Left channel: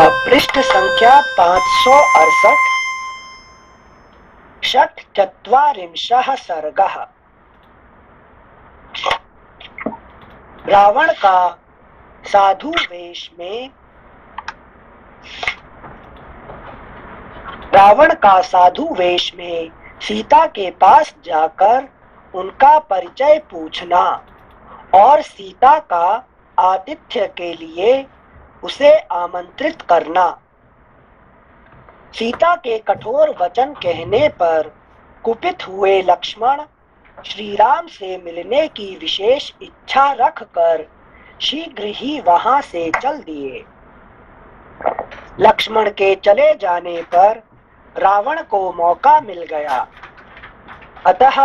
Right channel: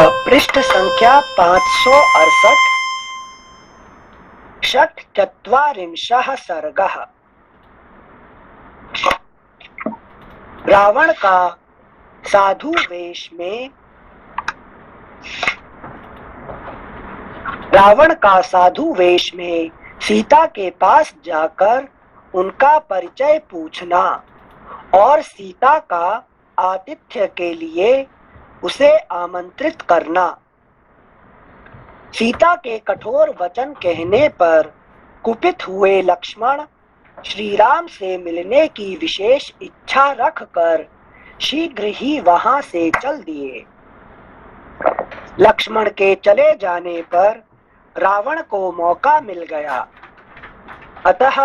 पृष्ठ संख्या 568 षट्चत्वारिंशः सर्गः। रावण का साधु वेश में सीता के पास जाकर उनका परिचय पूछना और सीता का आतिथ्य के लिए उसे आमंत्रित करना। सीता के कठोर वचन कहने पर कुपित हुए लक्ष्मण श्री राम से मिलने की विशेष इच्छा रखकर शीघ्र ही वहां से चल दिए। लक्ष्मण के चले जाने पर रावण को मौका मिल गया, अतः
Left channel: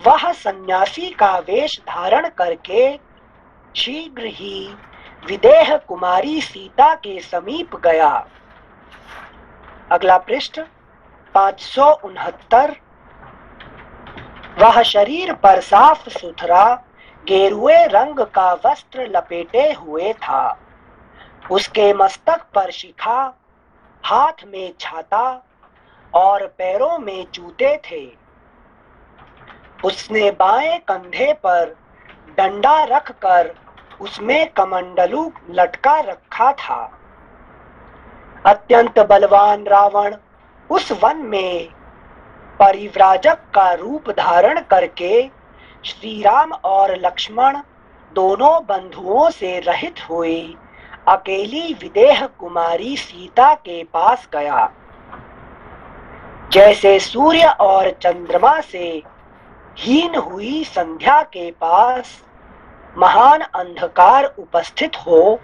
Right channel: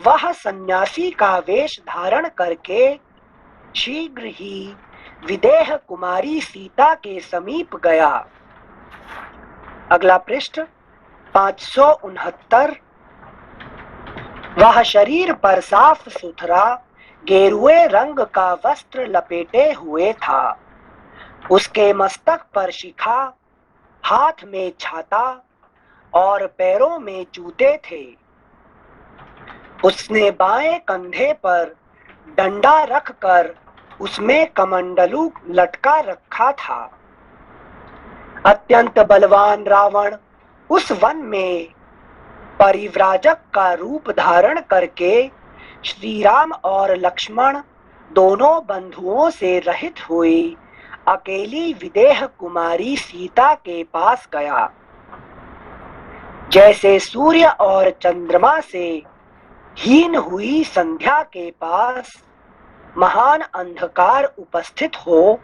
वह सन्यासी का वेश धारण करके शीघ्र ही विदेह कुमारी सीता के समीप गया। अगला पृष्ठ 569। वह शरीर पर साफ सुथरा गेरुए रंग का वस्त्र लपेटे हुए था। उसके मस्तक पर शिखा, हाथ में छाता और पैरों में जूते थे। उसने बाएं कंधे पर डंडा रखकर उसमें कमंडलू लटका रखा था। अत्यंत बलवान रावण उस वन में परिव्राजक का रूप धारण करके श्री राम और लक्ष्मण दोनों बंधुओं से रहित हुई अकेली विदेह कुमारी सीता के पास गया। जैसे सूर्य और चंद्रमा से हीन हुई संध्या के पास महान अंधकार उपस्थित हो,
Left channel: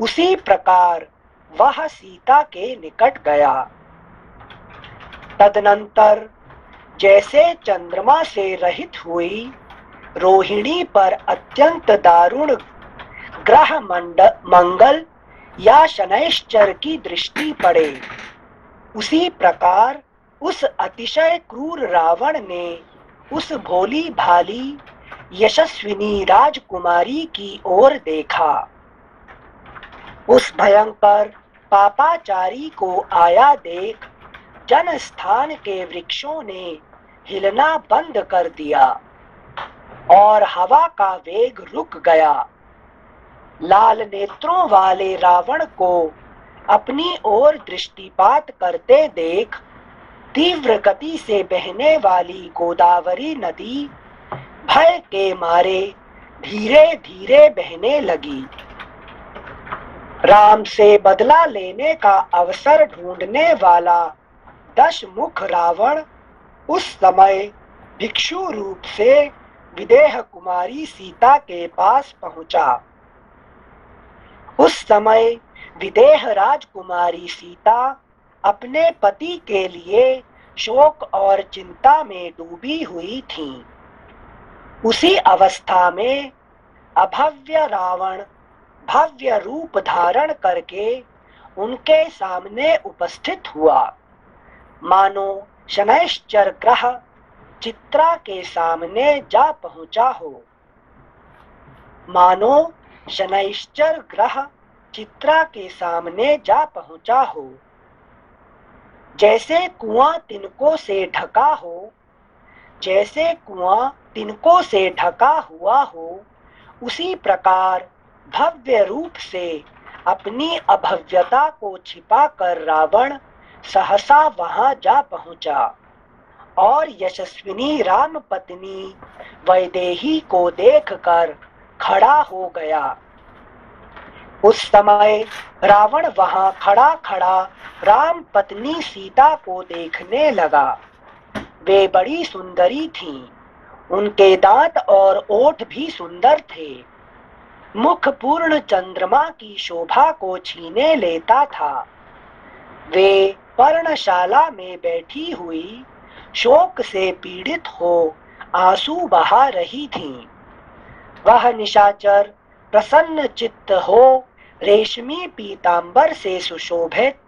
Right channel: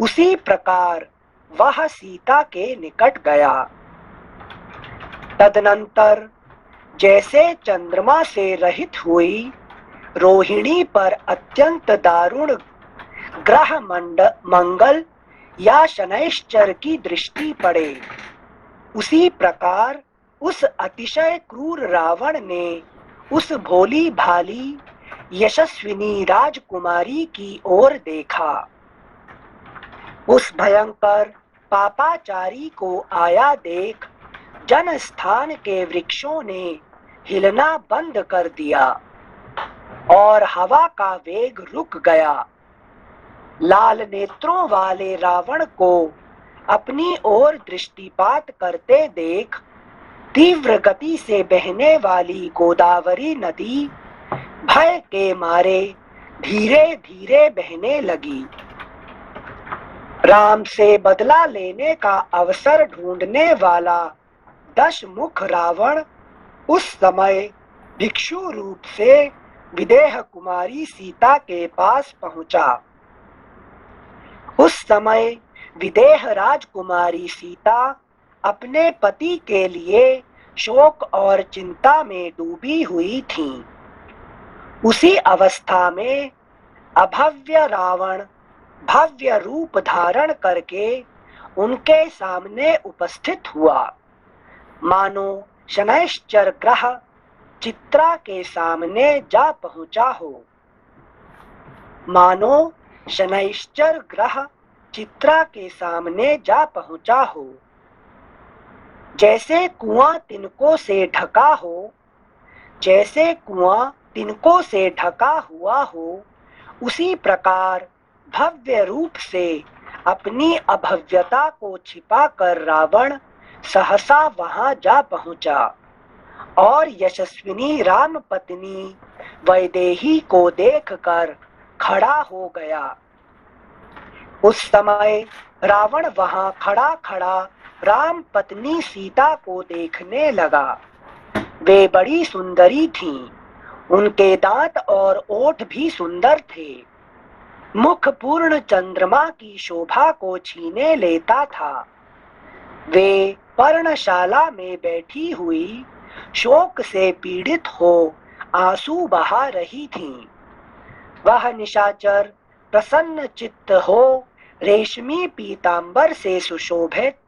उसी प्रकार वह सीता के निकट गया। तदनंतर जैसे चंद्रमा से रहित हुई रोहिणी पर अत्यंत दारुण ग्रह मंगल या शनैश्चर की दृष्टि पड़े, उसी प्रकार उस अतिशय क्रूर रावण ने उस भोली भाली यशस्विनी राजकुमारी की ओर देखा। उस भयंकर पापाचारी को आया देख जन स्थान के वृक्षों ने हिलना बंद कर दिया और हवा का वेग रुक गया। लाल नेत्रों वाले रावण को अपनी ओर दृष्टिपात करते देख तीव्र गति से बहने वाली गोदावरी नदी भय के मारे धीरे धीरे बहने लगी। राम से बदला लेने का अवसर ढूंढने वाला दशमुख रावण उस समय भिक्षु रूप से विदेह कुमारी सीता के पास पहुंचा। उस समय विदेह राजकुमारी सीता अपने पति के लिए शोक और चिंता में डूबी हुई थी। उसी अवस्था में अभव्य रावण भव्य रूप धारण करके उनके सामने उपस्थित हुआ, मानो शनैश्चर ग्रह चित्रा के सामने जा पहुंचा हो। मानो शनैश्चर ग्रह चित्रा के सामने जा पहुंचा हो। जैसे कुआं तिनकों से ढका हो, जैसे कुआं तिनकों से ढका हुआ हो, उसी प्रकार भव्य रूप से अपनी अभव्यता को छिपाकर रावण सहसा वहां जा पहुंचा और यशस्विनी राम पत्नी वैदेही को देखकर खड़ा हो गया। उस समय रावण वहां खड़ा खड़ा राम पत्नी सीता को देखने लगा। वे बड़ी सुंदरी थीं। उनके दांत और ओठ भी सुंदर थे। मुख पूर्ण चंद्रमा की शोभा को छीने लेता था। वे पर्णशाला में बैठी हुई शोक से पीड़ित हो आंसू बहा रही थीं। वह निशाचर प्रसन्न चित्त हो रेशमी पीतांबर से सुशोभित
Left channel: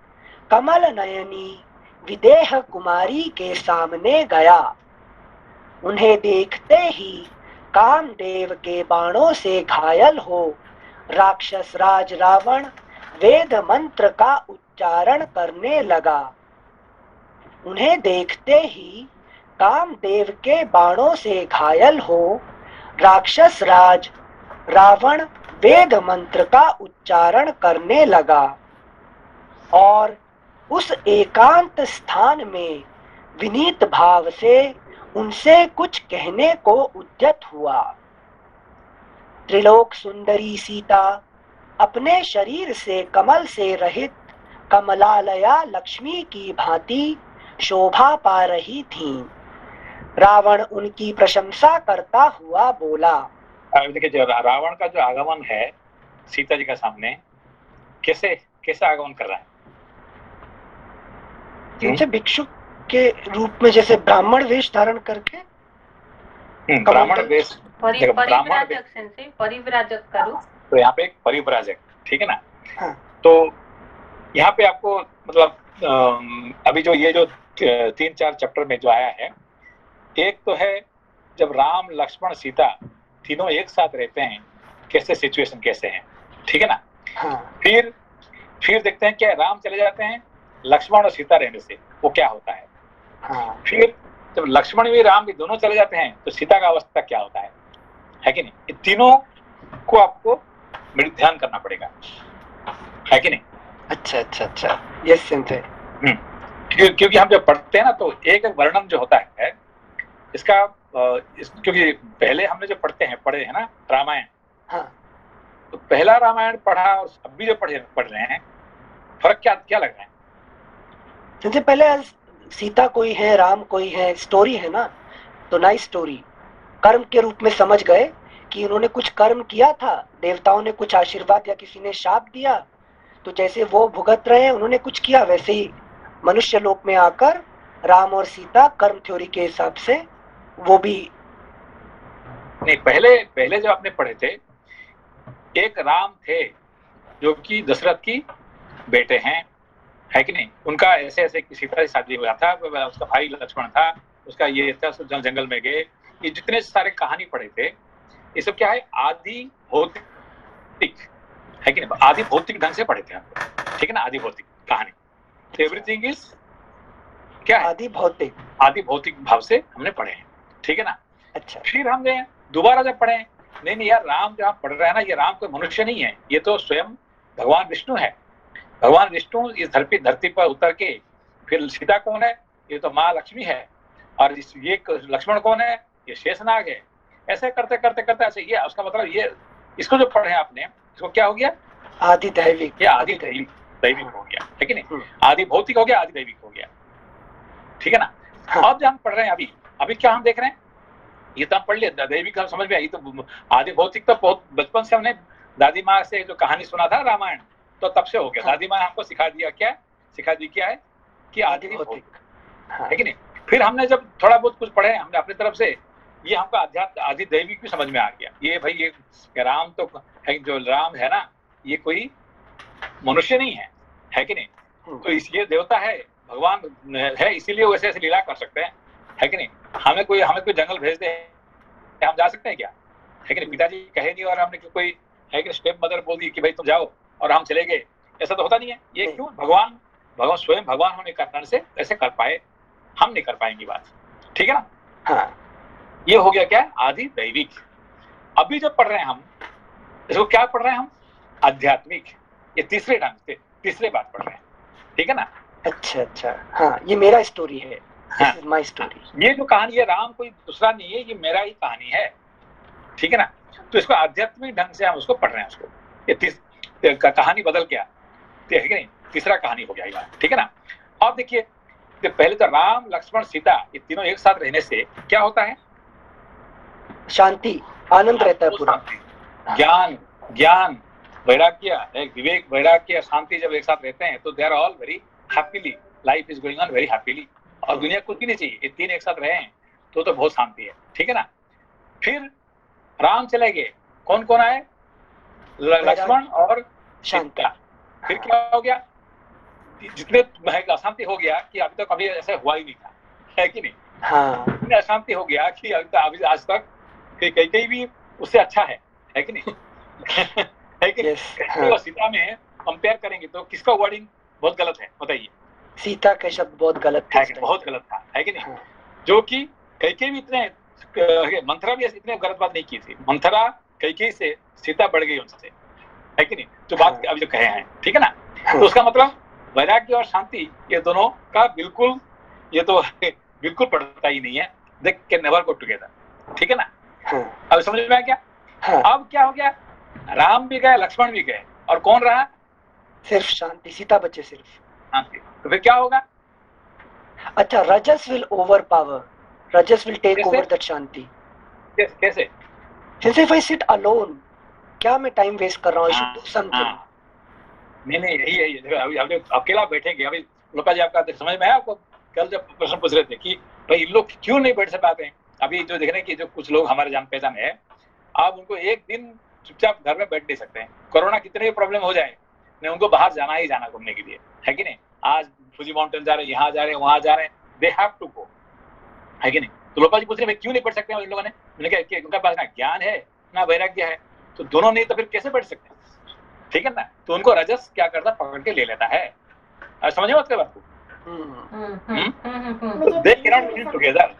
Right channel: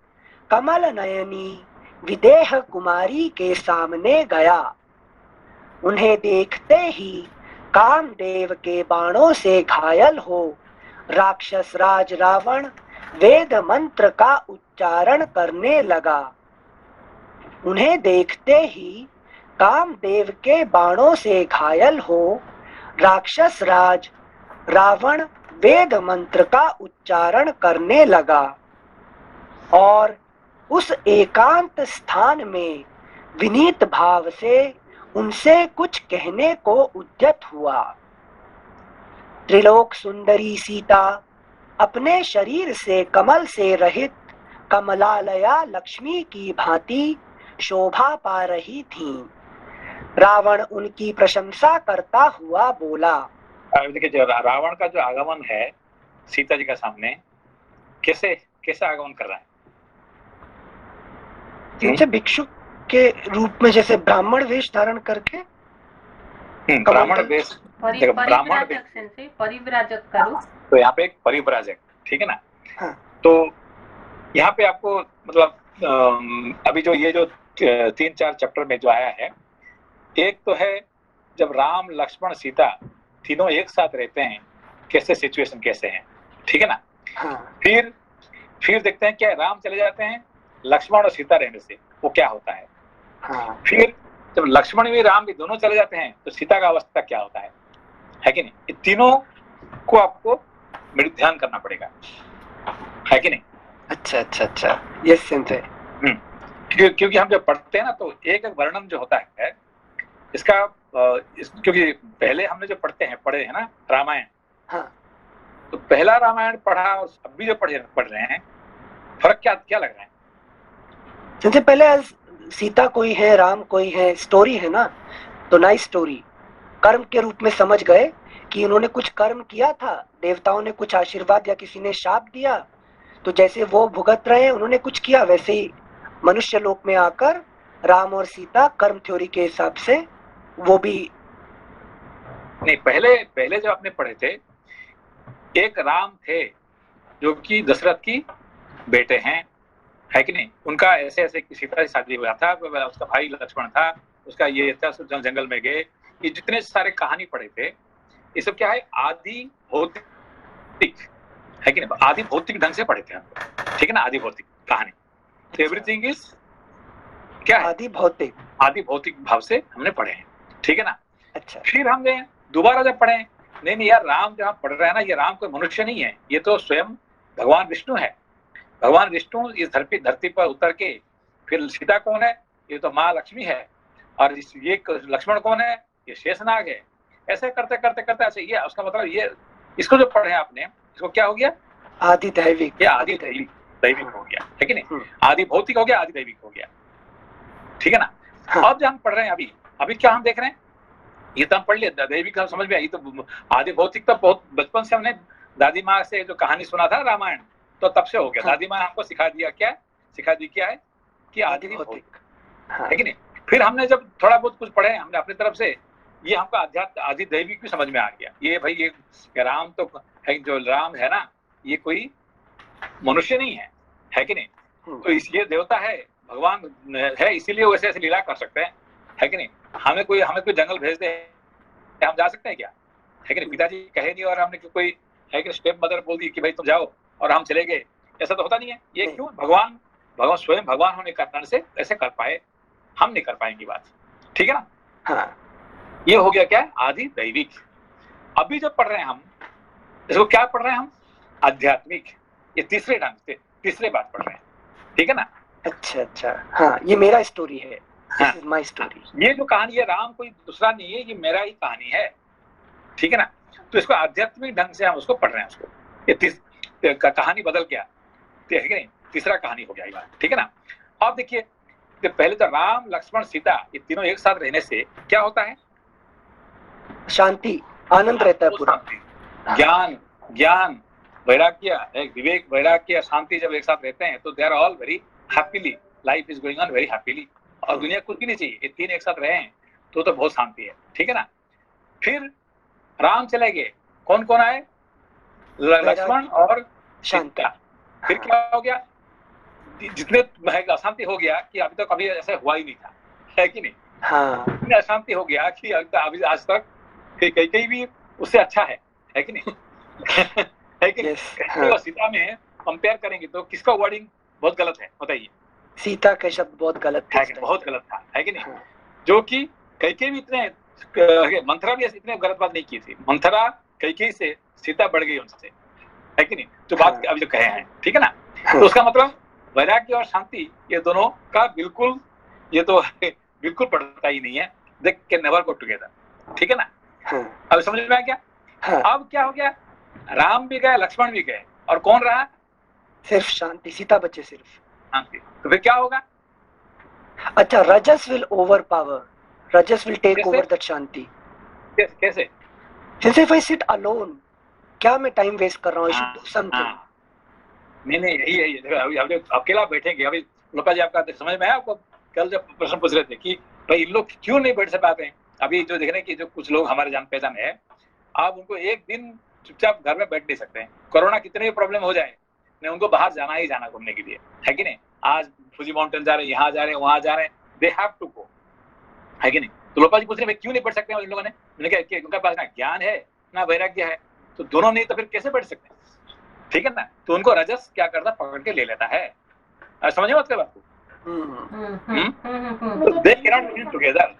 कमल नयनी विदेह कुमारी के सामने गया। उन्हें देखते ही कामदेव के बाणों से घायल हो राक्षस राज रावण वेद मंत्र का उच्चारण करने लगा। उन्हें देखते ही कामदेव के बाणों से घायल हो राक्षस राज रावण वेद मंत्र का उच्चारण करने लगा और उस एकांत स्थान में विनीत भाव से उनसे कुछ कहने को उद्यत हुआ। त्रिलोक सुंदरी सीता अपने शरीर से कमल से रहित कमलालया लक्ष्मी की भांति शोभा पा रही थीं। रावण उनकी प्रशंसा करता हुआ बोला। देखिए, जो रावण का जो आगमन है सीता जी का सामने, कैसे कैसे आगमन कर रहा है? जैसे भिक्षुक के रूप में, जैसे ब्राह्मण वेश धारण करके। ब्राह्मण वेश, परिव्राजक से परिव्राजक करो तो यहाँ पे एक परिव्राजक, ठीक है ना। हाँ। तो यहाँ पे आपको मतलब अभी जो ये जो 3-4 चैप्टर में जो आया है, एक तो है जब राम लक्ष्मण सीता तीनों एक साथ रहते हैं, कैसे सिचुएशन कैसे है, ठीक है ना। हाँ। फिर देखते हैं क्या राम चले जाते हैं, लक्ष्मण और सीता रहने से वो क्या होता है। हाँ। फिर जब लक्ष्मण भी राम भी दोनों चले जाते हैं तो सीता का अवस्था क्या होता है कि नहीं। ये तीनों को आपको ध्यान करना पड़ेगा, है कि नहीं। अच्छा अच्छा अच्छा, ये सेंस है। क्योंकि हम जब पढ़ते हैं ना तो एक वर्णन जो होता है इसका क्योंकि पहले हमने जो पढ़े हैं ना रामायण, हाँ। तो पहला रामायण पढ़ा और अभी जो पढ़ रहे हैं, फर्क क्या लग रहा है? सबसे पहले सीता कोई है, राम कोई है, स्टोरी है ना, तो नाइस स्टोरी। कर्म के रूप में समझ गए कि उन्होंने कुछ कर्म किया था, देवताओं ने कुछ आशीर्वाद या किसी ने शाप दिया, तो जैसे वो भुगत रहे हैं, उन्होंने कुछ किया, वैसे ही मनुष्य लोक में आकर राम और सीता कर्म थ्योरी के हिसाब से वो भी। नहीं, पहले जो आपने पढ़े थे, एक राम थे जो कि दशरथ की बेटे हैं, है कि नहीं। उनका ऐसे ऐसे सीता से शादी हुआ था, उसका भाई लक्ष्मण था, उसका ये था, जंगल में गए, ये जितने सारे कहानी पढ़े थे, ये सब क्या है, आदि भौतिक, है कि नहीं, आदि भौतिक ढंग से पढ़े थे, ठीक है ना, आदि भौतिक कहानी। एवरीथिंग इज क्या है, आदि भौतिक भाव से हमने पढ़े हैं, ठीक है ना। अच्छा। फिर हमने दोबारा जब पढ़े, नहीं यार, राम जहाँ पढ़ रहा है ना, ये राम कोई मनुष्य नहीं है, ये तो स्वयं भगवान विष्णु है। भगवान विष्णु इस धरती पर उतर के, फिर सीता कौन है, ये तो माँ लक्ष्मी है, और ये लक्ष्मण कौन है, ये शेषनाग है। ऐसे करते करते करते ऐसे, ये उसका मतलब ये इसको जो पढ़े आपने, इसको क्या हो गया, आदि दैविक, ये आदि दैविक हो गया, है कि नहीं। आदि भौतिक हो गया, आदि दैविक हो गया, ठीक है ना। हाँ। अब जो हम पढ़ रहे हैं अभी क्या हम देख रहे हैं, ये तो हम पढ़ लिया, दैविक हम समझ में आई, तो आदि भौतिक तो बहुत बचपन से हमने दादी माँ से जो कहानी सुना था रामायण, तो तब से हो गया। दादी माँ ने हमको सिखा दी क्या है कि आदि भौतिक, है कि नहीं। फिर हमने जब थोड़ा बहुत कुछ पढ़े हमने अपनी तरफ से, ये हमको अध्यात्म आदि दैविक भी समझ में आ गया। ये भाई ये राम तो है, जो राम है ना, ये कोई मनुष्य नहीं है कि नहीं। तो इसलिए देवता है, भगवान है, इसीलिए वैसे ऐसे लीला कर सकते हैं, है कि नहीं। हमें कोई जंगल भेज दे, हम जा सकते हैं क्या, है कि नहीं। पिताजी कहे नहीं और हमने कोई है कि स्टेप मदर बोल दी कि भाई तुम जाओ और हम चले गए, ऐसा तो होता नहीं है। ये क्यों, भगवान स्वयं भगवान होने के कारण से ऐसे कर पाए, हम नहीं कर पाएंगे बात, ठीक है ना। हाँ। ये हो गया क्या, आदि दैविक। अभी जो पढ़ रहे हैं हम, इसको क्या पढ़ रहे हैं हम, आध्यात्मिक। ये तीसरे बात पढ़ रहे हैं, ठीक है ना। अच्छा, हाँ, ये मेरा स्टोरी है, हाँ, माय स्टोरी। ये जो कहानी है राम कोई दूसरा नहीं है, ये मेरा ही कहानी है, ठीक है ना। तो इसको आध्यात्मिक ढंग से हम उसको पढ़ रहे हैं, उसको ये कहानी बदल क्या, है कि नहीं, तीसरा कहानी हो गया ये बात, ठीक है ना। अब देखिए, तो पहले तो राम लक्ष्मण सीता ये तीनों एक साथ रहने से क्या होता है, शांति, आनंद रहता है पूरा, ज्ञान वैराग्य, विवेक वैराग्य शांति जब एक साथ रहते हैं तो they are all very happily, life is going on very happily. और दुनिया कुछ भी नहीं चाहिए, ये तीन एक साथ रहे हैं तो बहुत शांति है, ठीक है ना। फिर राम चले गए, कौन कौन आए, लक्ष्मण और सीता। फिर क्या हो गया, जितने अशांति हो गया कि अभी तक कभी ऐसा हुआ ही नहीं था, है कि नहीं। हाँ। इतनी अशांति हो गया कि अभी आज तक कहीं भी उससे अच्छा है कि नहीं। है कि नहीं। सीता में कंपेयर करेंगे तो किसका वर्डिंग बहुत गलत है बताइए? सीता के शब्द बहुत गलत थे है इस कि टाइम। बहुत गलत था, है कि नहीं? हाँ, जो कि कैकेयी भी इतने मंथरा भी इतने गलत बात नहीं की थी। मंथरा कैकेयी से सीता बढ़ गई उनसे, है कि नहीं? जो बात हाँ। अभी जो कहे हैं, ठीक है ना? हाँ। तो उसका मतलब वैराग्य और शांति ये दोनों का बिल्कुल, ये तो बिल्कुल पड़ता ही नहीं है। They can never go together, ठीक है ना? हाँ, अब समझ में आया क्या? हाँ, अब क्या हो गया, राम भी गए, लक्ष्मण भी गए, और कौन रहा? सिर्फ शांति, सीता बचे सिर्फ। शांति। तो फिर क्या होगा? अच्छा, rajas will overpower, rajas will take कैसे? Over that shanti. कैसे? Since if I sit alone, क्या मैं टाइम वेस्ट कर रहा हूँ? I should do something. हाँ, नहीं यही देखो, अभी अकेला बैठेंगे। अभी लोपा जी आपका समझ में आया आपको? कल जब प्रश्न पूछ रहे थे कि भाई इन लोग क्यों नहीं बैठ पाते हैं, अभी जो देख रहे हैं कि जो कुछ लोग हमारे जान पहचान है, आप उनको एक दिन चुपचाप घर में बैठ नहीं सकते हैं। कोरोना कितने भी प्रॉब्लम हो जाए, नहीं उनको बाहर जाना ही जाना घूमने के लिए, है कि नहीं? आज फुजी माउंटेन जा रहे हैं, यहाँ जा रहे हैं, वहां जा रहे हैं, दे हैव टू गो, है कि नहीं? तो लोपा जी पूछ रहे हैं क्यों नहीं बैठ सकते इन लोगों ने? मैंने कहा उनके पास ना ज्ञान है ना वैराग्य है, तो दोनों नहीं तो फिर कैसे बैठ सकते हैं, ठीक है ना? तो उनको रजस क्या करता, पकड़ के ले लेता है। समझे बात बात को? दे कैन नॉट लिव टुगेदर।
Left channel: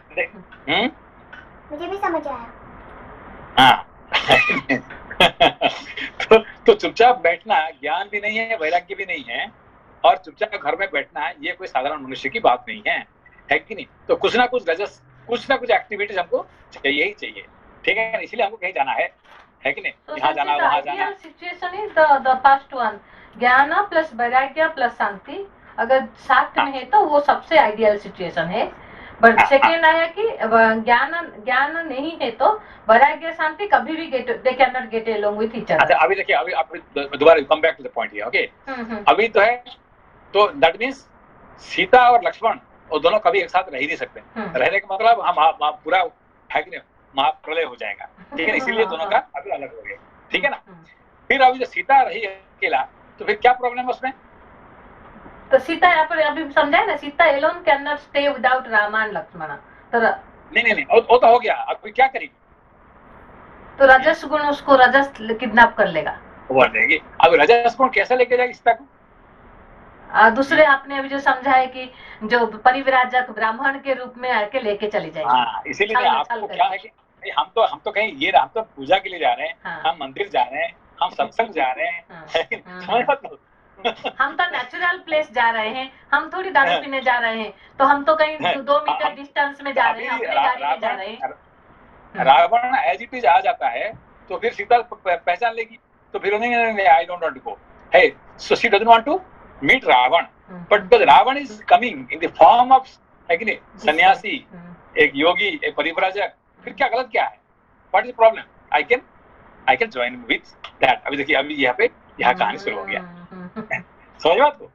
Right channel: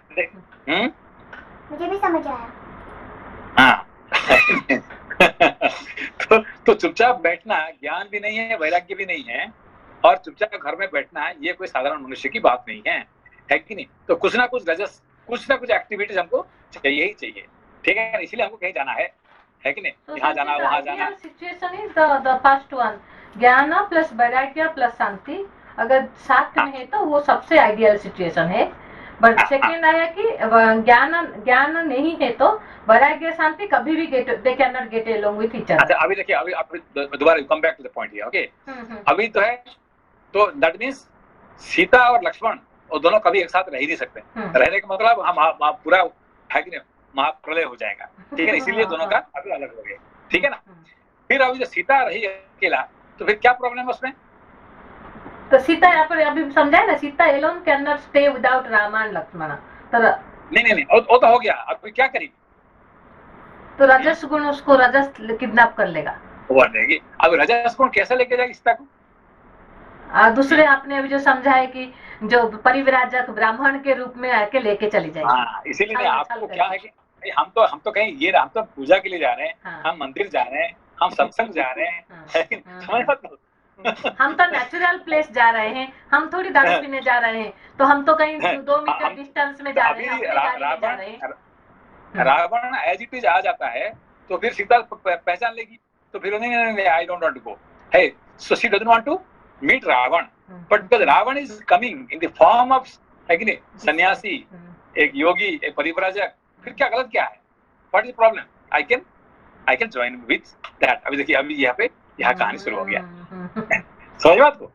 मुझे भी समझ आया। हाँ तो चुपचाप बैठना ज्ञान भी नहीं है, वैराग्य भी नहीं है, और चुपचाप घर में बैठना ये कोई साधारण मनुष्य की बात नहीं है कि नहीं? तो कुछ ना कुछ रजस, कुछ ना कुछ एक्टिविटीज हमको चाहिए ही चाहिए, ठीक है? इसलिए हमको कहीं जाना है कि नहीं? यहाँ जाना, वहाँ जाना। Situation is the first one, ज्ञान प्लस वैराग्य प्लस शांति अगर साथ में है तो वो सबसे आइडियल सिचुएशन है। बट सेकेंड आया कि ज्ञान नहीं है तो वैराग्य शांति कभी भी they can not get along with each other. अच्छा, अभी देखिए, अभी दोबारा come back to the point here, okay? अभी तो है, तो दैट मींस सीता और लक्ष्मण वो दोनों कभी एक साथ रह ही नहीं सकते। रहने का मतलब हम पूरा है कि नहीं, महाप्रलय हो जाएगा, ठीक है? इसीलिए दोनों का अभी अलग हो गए, ठीक है ना? फिर अभी जो सीता रही अकेला, तो फिर क्या प्रॉब्लम है उसमें? तो सीता यहाँ पर अभी समझाए ना, Sita alone can not stay without Ram and Lakshman. तो नहीं वो तो हो गया, अब कोई क्या करेगी? तो रजस गुण उसको रजस किडनैप कर लेगा, वो लेगी। अब रजस गुण कैसे लेके जाएगी सीता को? दूसरे आपने अभी जो समझा है कि जो परिव्राजक ब्राह्मण के रूप में आके लेके चली जाएगी। हाँ, इसीलिए आपको क्या है कि हम तो कहीं ये, हम तो पूजा के लिए जा रहे हैं, हम मंदिर जा रहे हैं, हम सत्संग जा रहे हैं, हम तो नेचुरल प्लेस जा रहे हैं, हम थोड़ी दारू पीने जा रहे हैं, तो हम तो कहीं 2 मीटर डिस्टेंस में जा रहे हैं, अपनी गाड़ी में जा रहे हैं। रावण एज इट इज आ जाता है तो फिर सीता पहचान लेगी, तो फिर नहीं, I don't want to go, है so she doesn't want to meet Ravana, but because Ravana is coming in the form of, है कि नहीं, सन्यासी, एक योगी, एक परिव्राजक, फिर क्या गलत क्या है? What is the problem? I can join with that. अभी देखिए, अभी यहाँ कहानी शुरू हो गया, समझ बात को?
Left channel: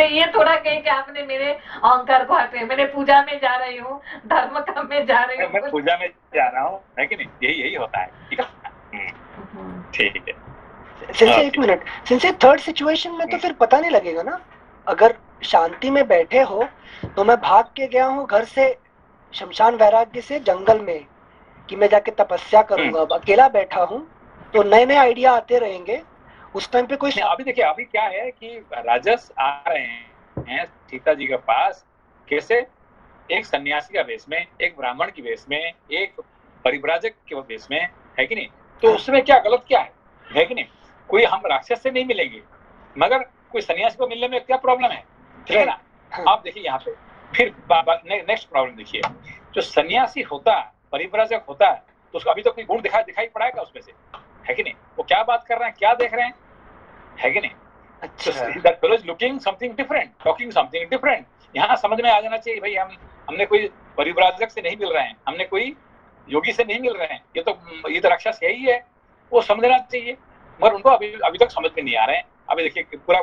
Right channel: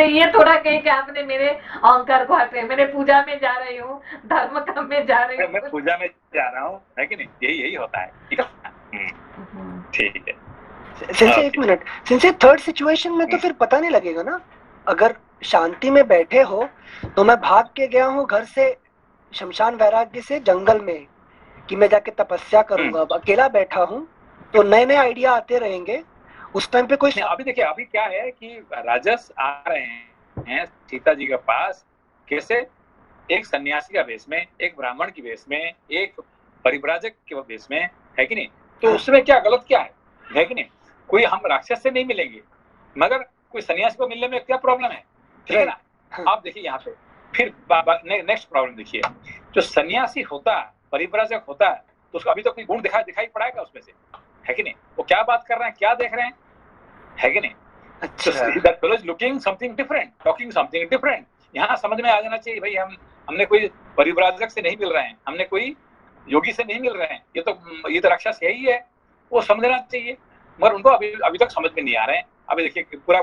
ये थोड़ा कहीं कि आपने मेरे अहंकार को हटे, मैंने पूजा में जा रही हूँ, धर्म काम में जा रही हूँ, मैं पूजा में जा रहा हूँ, है कि नहीं? यही होता है, ठीक है? सिंसे एक मिनट, सिंसे थर्ड सिचुएशन में तो फिर पता नहीं लगेगा ना। अगर शांति में बैठे हो तो मैं भाग के गया हूँ घर से, शमशान वैराग्य से जंगल में, कि मैं जाके तपस्या करूंगा। अब अकेला बैठा हूँ तो नए नए आइडिया आते रहेंगे, उस टाइम पे कोई। अभी देखिए, अभी क्या है कि राजस आ रहे हैं सीता जी के पास, कैसे? एक सन्यासी का वेश में, एक ब्राह्मण की वेश में, एक परिव्राजक के वेश में, है कि नहीं? तो उसमें क्या गलत क्या है कि नहीं? कोई हम राक्षस से नहीं मिलेंगे, मगर कोई सन्यासी को मिलने में क्या प्रॉब्लम है, ठीक है ना? आप देखिए यहाँ पे फिर नेक्स्ट प्रॉब्लम देखिए, जो सन्यासी होता, परिव्राजक होता, तो उसको अभी तो कोई गुण दिखाई पड़ाएगा उसमें से, है कि नहीं? वो क्या बात कर रहे हैं, क्या देख रहे हैं, है कि नहीं? That fellow is looking something different, talking something different. यहाँ समझ में आ जाना चाहिए भाई, हमने कोई परिव्राजक से नहीं मिल रहे हैं, हमने कोई योगी से नहीं मिल रहे हैं, ये तो राक्षस यही है, वो समझना चाहिए, मगर उनको अभी तक समझ में नहीं आ रहे हैं। अभी देखिए, पूरा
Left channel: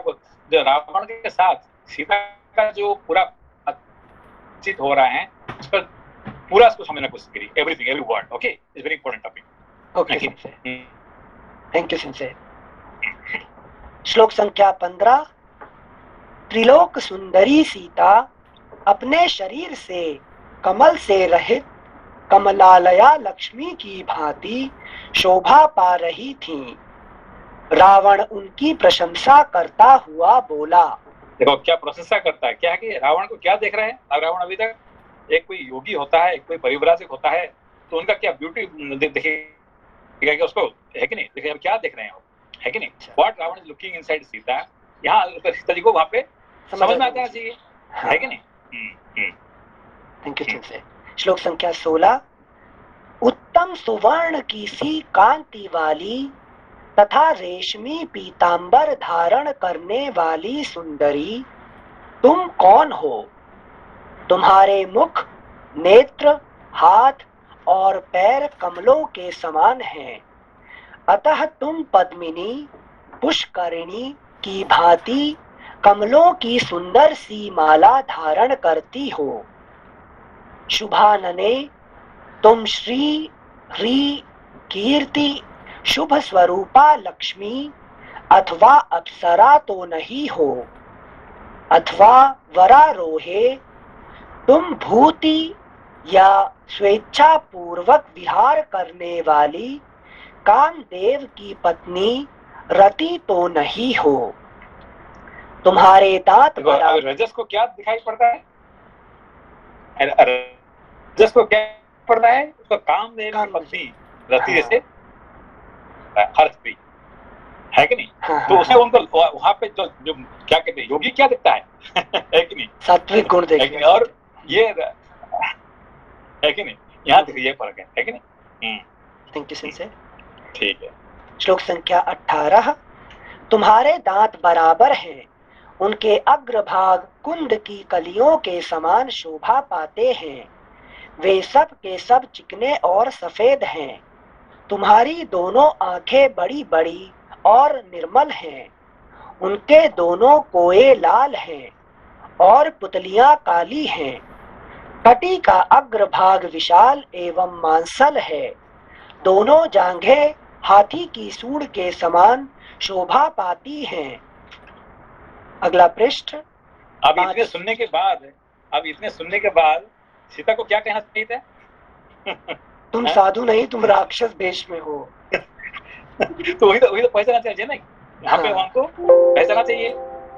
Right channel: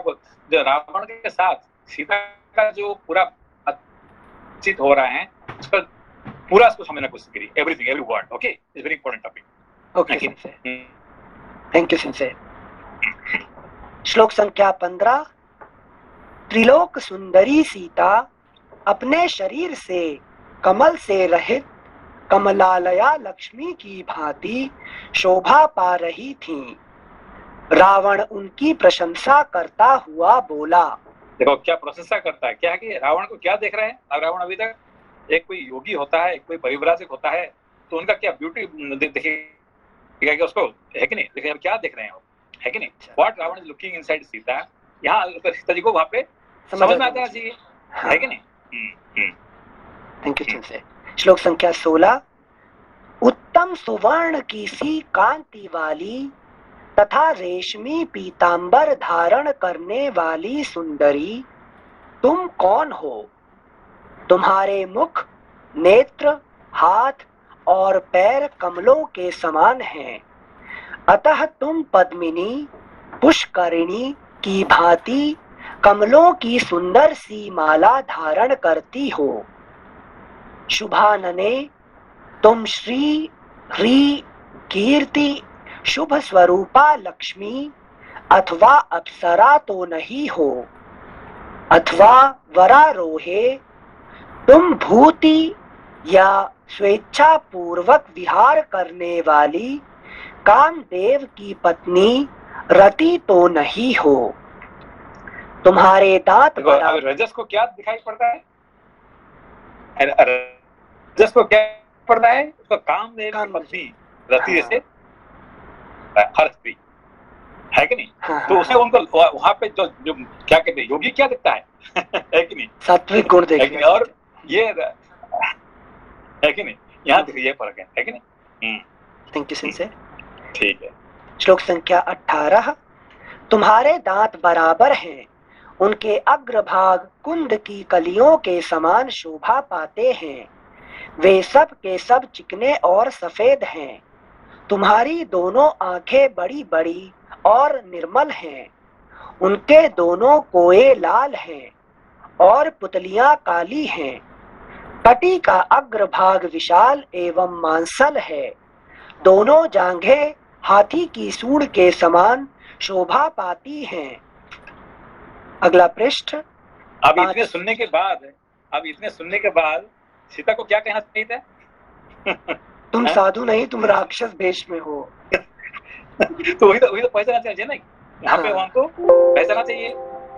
जो रावण के साथ सीता का जो पूरा बातचीत हो रहा है, उसका पूरा उसको समझने की कोशिश करिए, everything, every word, okay? It's very important topic. Okay, thank you sincere. श्लोक संख्या 15। त्रिलोक सुंदरी सीता अपने शरीर से कमल से रहित कमलालया लक्ष्मी की भांति शोभा पा रही थीं। रावण उनकी प्रशंसा करता हुआ बोला। देखो क्या प्रशंसा करता है, क्या है कि रावण को क्या देख रहे हैं। अब रावण अभी तक एक कोई योगी होता है, एक कोई परिव्राजक होता है, तो उनका क्या ब्यूटी देखिए कि उसको, है कि नहीं, देखिए क्या देख रहे हैं वो, है कि नहीं। What Ravan is looking inside Sita, यहाँ सीता जी को वहां पे समझ में आ जाना चाहिए, है कि नहीं। थैंक यू से। श्लोक संख्या 16। उत्तम सुवर्ण की सी कांति वाली तथा रेशमी पीतांबर धारण करने वाली सुंदरी, तुम कौन हो? तुम्हारे मुख, नेत्र, हाथ और पैर कमलों के समान हैं, अतः तुम पद्मिनी, पुष्करिणी की भांति कमलों की सुंदर सी माला धारण करती हो। शुभानने, तुम श्री ह्री कीर्ति शुभ स्वरूपा लक्ष्मी अथवा अप्सरा तो नहीं हो, अथवा वरारोहे, तुम भूति या स्वेच्छा पूर्वक विहार करने वाली कामदेव की पत्नी रति तो नहीं हो। तुम्हारे दांत रजस को क्या दिखाई पड़ता है? रजस को क्या पड़ता है? उसको कामदेव की पत्नी रति से हर स्त्री, है कि नहीं। तो उसे उनको वहां पे जो क्या कहते हैं, योगी क्या दिखता है है कि नहीं, सात्विक गुण देखते हैं। और ये है कि नहीं, यहाँ देखिए ये फर्क है कि नहीं। थैंक यू से। ठीक है। श्लोक संख्या 18। तुम्हारे दांत बराबर हैं, उनके अग्रभाग कुंद की कलियों के समान शोभा पाते हैं, वे सब के सब चिकने और सफेद हैं। तुम्हारी दोनों आंखें बड़ी बड़ी और निर्मल हैं, उनके दोनों कोए लाल हैं और पुतलियां काली हैं। कटी का अग्रभाग विशाल एवं मांसल है, दोनों जांघें हाथी की सूंड के समान शोभा पाती हैं। अगला पृष्ठ। अब इतने सुनने के बाद सीता को क्या कहना चाहिए था? तुम साधु नहीं, तुम राक्षस भेष में हो। तो वही तो पहचाना चाहिए ना, यहाँ पे उनको पहचाना चाहिए।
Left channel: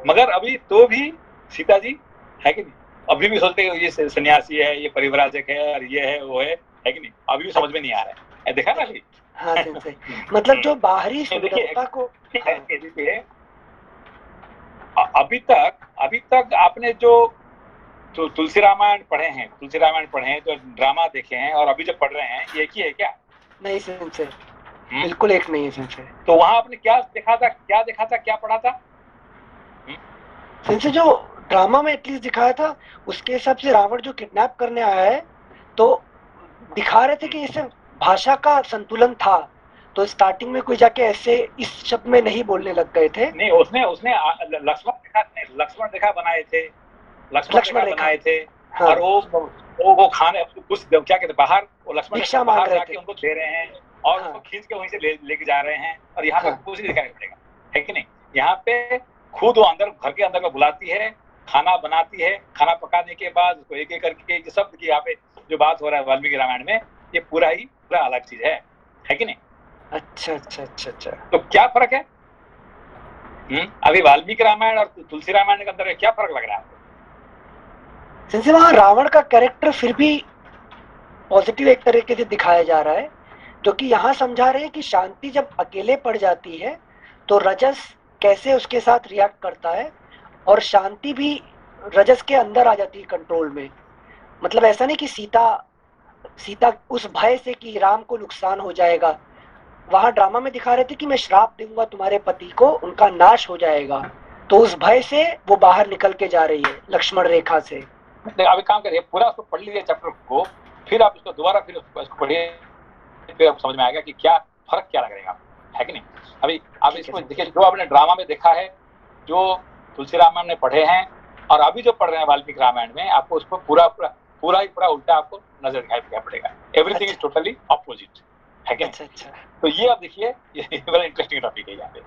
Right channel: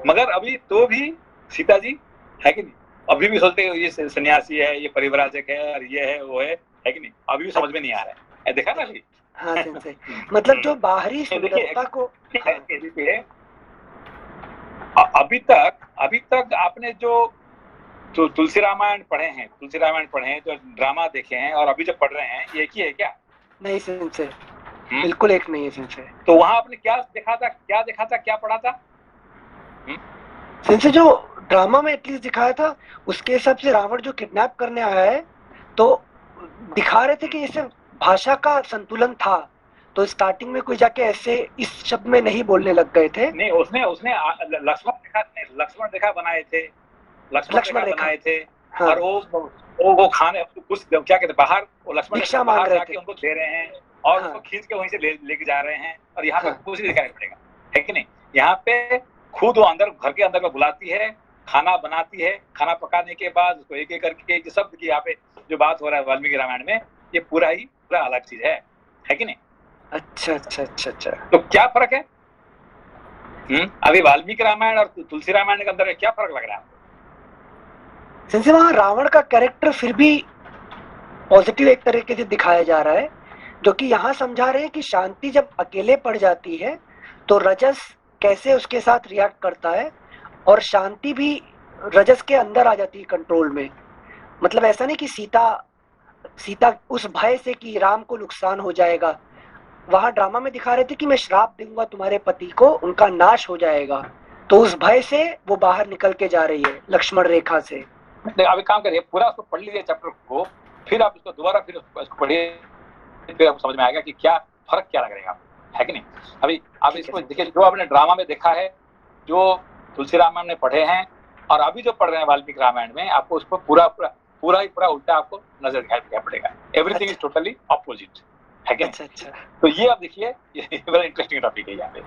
मगर अभी तो भी सीता जी, है कि नहीं, अभी भी सोचते हैं ये सन्यासी है, ये परिव्राजक है, और ये है वो है कि नहीं, अभी भी समझ में नहीं आ रहा है। देखा ना अभी। हाँ सही। मतलब जो बाहरी सुंदरता को अभी तक आपने जो तुलसी रामायण पढ़े हैं, जो ड्रामा देखे हैं और अभी जो पढ़ रहे हैं, ये एक ही है क्या? नहीं से बिल्कुल एक नहीं है से। तो वहां आपने क्या देखा था, क्या पढ़ा था? से जो ड्रामा में एटलीस्ट दिखाया था, उसके हिसाब से रावण जो किडनैप करने आया है, तो दिखा रहे थे कि इसे भाषा का संतुलन था, तो स्टार्टिंग में कोई जाके ऐसे इस शब्द में नहीं बोलने लग गए थे। नहीं, उसने लक्ष्मण रेखा बनाए थे, बनाए थे। हाँ। और वो खाने कुछ क्या कहते बाहर, वो लक्ष्मण बाहर जाके उनको दे रहे हैं और हाँ। उसको खींच के वहीं से लेके जा रहे हैं। और यहाँ पे हाँ। कुछ दिखाई पड़ेगा, है कि नहीं। यहाँ पे खुद वो अंदर घर के अंदर में बुलाती है, खाना बनाती है, खाना पकाने के बाद उसको एक एक करके शब्द की यहाँ पे जो बात हो रहा है वाल्मीकि रामायण में, ये पूरा अलग चीज है कि नहीं। अच्छा। तो क्या फर्क है अभी वाल्मीकि रामायण और तुलसी रामायण के अंदर क्या फर्क लग रहा है? सिंसे वहां रावण का कैरेक्टर फिर भी पॉजिटिव एक तरीके से दिखाया जा रहा है, जो कि यहाँ समझा रहे हैं कि शांति जब अकेले पड़ जाती है तो रजस कैसे उसके साथ रिएक्ट करता है, और शांति भी रजस के अंदर आ जाती है कंट्रोल में। मतलब ऐसा नहीं कि सीता उस भय से कि राम को नुकसान हो जाएगा, वहां ड्रामा में दिखा रहे थे कि मैं श्राप दूंगा तुम्हारे पति को, उनका नाश हो जाएगा, तो उस भय से वो बाहर निकल के जा रही है लक्ष्मण रेखा से। अभी काम करिए, पूरा उसको पढ़ लीजिए चैप्टर को, फिर आप इसको दोबारा फिर उसको पढ़िए, फिर आपको समझ में आएगा कि क्या फर्क क्या लगेगा, है कि नहीं। अभी आप इसको देखिए, जो आपने ड्रामा में देखा है, जो तुलसी रामायण में पढ़े हैं, और अभी जो पढ़ रहे हैं वाल्मीकि रामायण में, आपको उसको पूरा उल्टा आपको नजर दिखाई पड़ेगा। एवरीथिंग इज टोटली अपोजिट, है कि नहीं। अच्छा। तो ये आप देखिए, ये बड़ा इंटरेस्टिंग टॉपिक है यहाँ पे।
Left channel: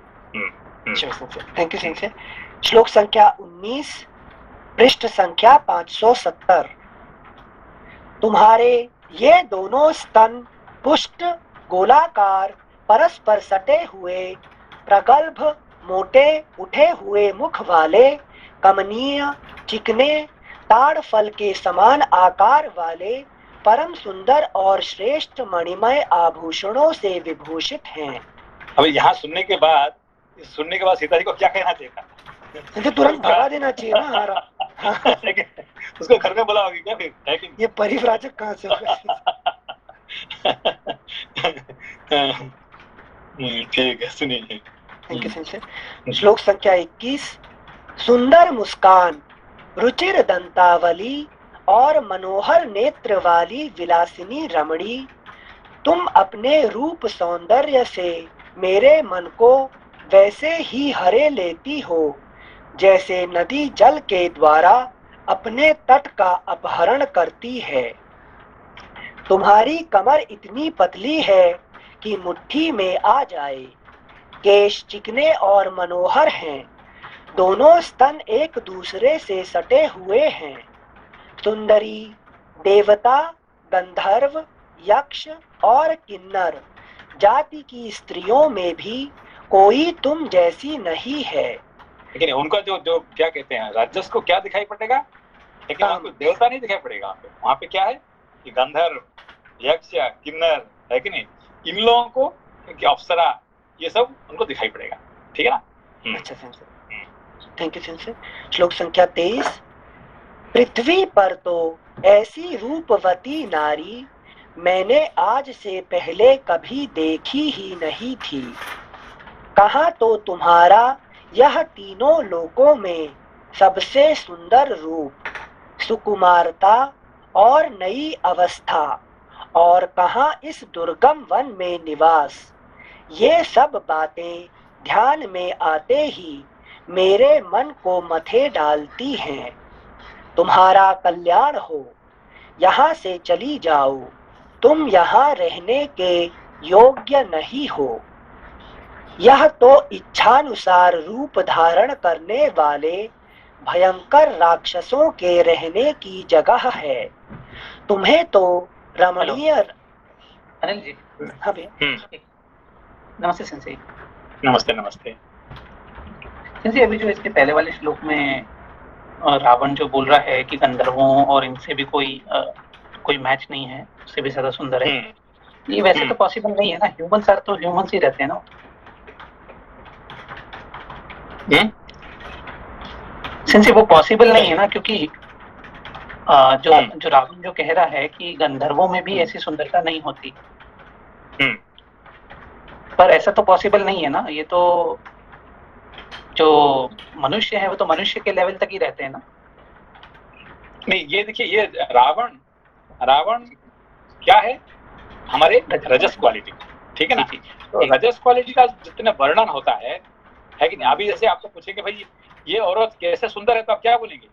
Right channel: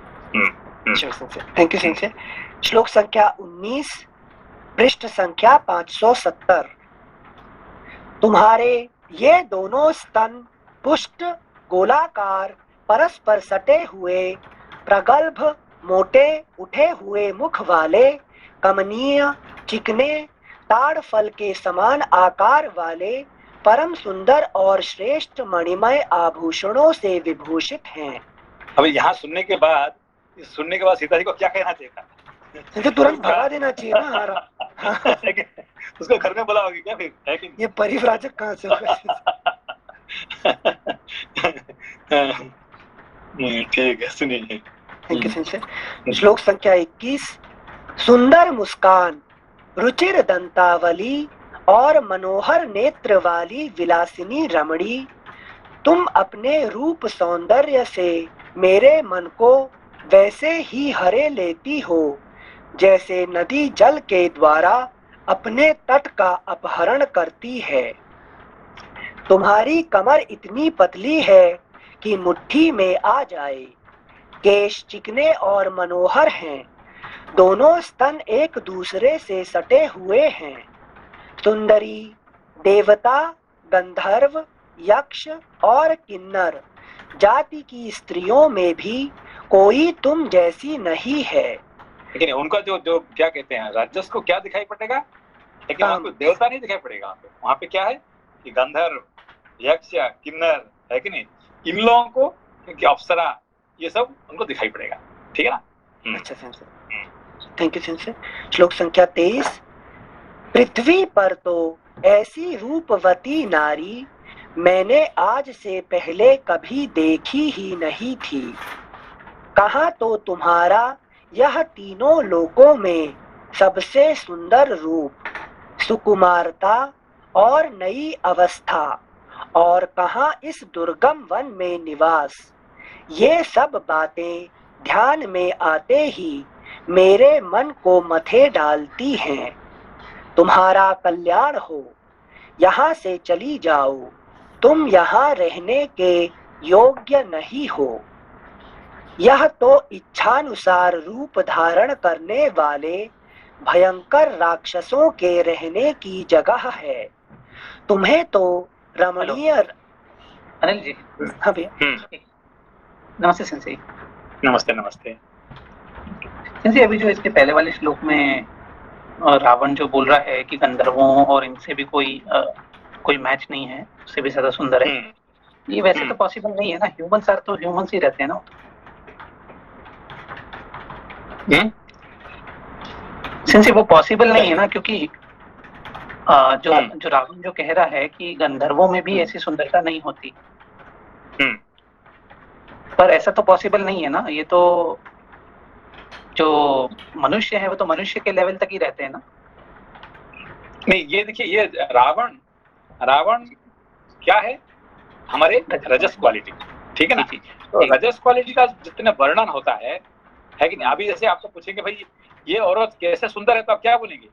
Thank you Singh. श्लोक संख्या 19, पृष्ठ संख्या 570। तुम्हारे ये दोनों स्तन पुष्ट गोलाकार परस्पर सटे हुए प्रगल्भ मोटे उठे हुए मुख वाले, कमनीय चिकने ताड़ फल के समान आकार वाले, परम सुंदर और श्रेष्ठ मणिमय आभूषणों से विभूषित हैं। अभी यहाँ सुनने के बाद सीता जी को क्या कहना चाहिए था? इसे तुरंत भगा देना चाहिए ना हारा। उसको घर में बुलाओगे क्या फिर? है कि ये परिव्राजक कहाँ से होगा? ठीक है, सुनिए। Thank you sensor. श्लोक संख्या 21। सुंदर मुस्कान, रुचिर दंतावली और मनोहर नेत्र वाली विलासिनी रमणी, तुम अपने रूप सौंदर्य से मेरे मन को वैसे ही हरे लेती हो जैसे नदी जल के द्वारा अपने तट का अपहरण करती है। तुम्हारी कमर इतनी पतली है कि मुट्ठी में आ जाए, केश चिकने और मनोहर हैं, दोनों स्तन एक दूसरे से सटे हुए हैं। सुंदरी, देवता, गंधर्व, यक्ष और किन्नर जाति की स्त्रियों में भी कोई तुम जैसी नहीं है। लेकिन उनका जो क्या कहते हैं, राजस को क्या दिखाई पड़ेगा? लेकिन वहाँ कोई देवता नहीं दिखाई पड़ेगा। वहाँ पे क्या है कि गंधर्व, यक्ष, किन्नर, है कि नहीं, इन लोगों को, क्योंकि अप्सरा, ये सब उनको दिखाई पड़ेगा। ठीक है ना? अच्छा सेंसर, थैंक यू सेंसर। श्लोक संख्या 23। पृथ्वी पर तो ऐसी रूपवती नारी मैंने आज से पहले कभी देखी ही नहीं थी। कहाँ तो तुम्हारा यह तीनों लोकों में सबसे सुंदर रूप, सुकुमारता और नई अवस्था, और कहाँ इस दुर्गम वन में निवास। ये सब बातें ध्यान में आते ही मेरे मन को मथे डालती हैं। तुम्हारा कल्याण हो, यहाँ से चली जाओ, तुम यहाँ रहने के योग्य नहीं हो। यह तो इच्छानुसार रूप धारण करने वाले भयंकर राक्षसों के रहने की जगह है। तुम्हें तो रमणीय। अनिल जी। हाँ भैया। नमस्ते सेंसेई। नमस्ते नमस्ते। सेंसेई, अभी जो इसके पहले वाले श्लोक में रावण जो बोल रहा है कि गंधर्वों और इनसे भी कोई मैच नहीं है, उससे भी ज्यादा सुंदर है, ये वैसे तो पॉसिबल नहीं है ना। ह्यूमंस आर तो ह्यूमंस ही रहते हैं ना। सेंसेई, वो पॉसिबल नहीं है ना, क्योंकि जो रावण जो कह रहा है कि गंधर्वों में भी ऐसी सुंदरता नहीं होती, पर ऐसा तो पॉसिबल नहीं है ना। ये तो जो मनुष्य है वो तो मनुष्य के लेवल तक ही रहते हैं ना। नहीं, ये देखिए, ये रावण क्या है? हमारे रजस क्वालिटी। ठीक है ना? तो रजस क्वालिटी का जितना वर्णन होता है कि नहीं। अभी जैसे आपको पूछेंगे भाई ये औरत कैसे सुंदर है, तो आप क्या बोलेंगे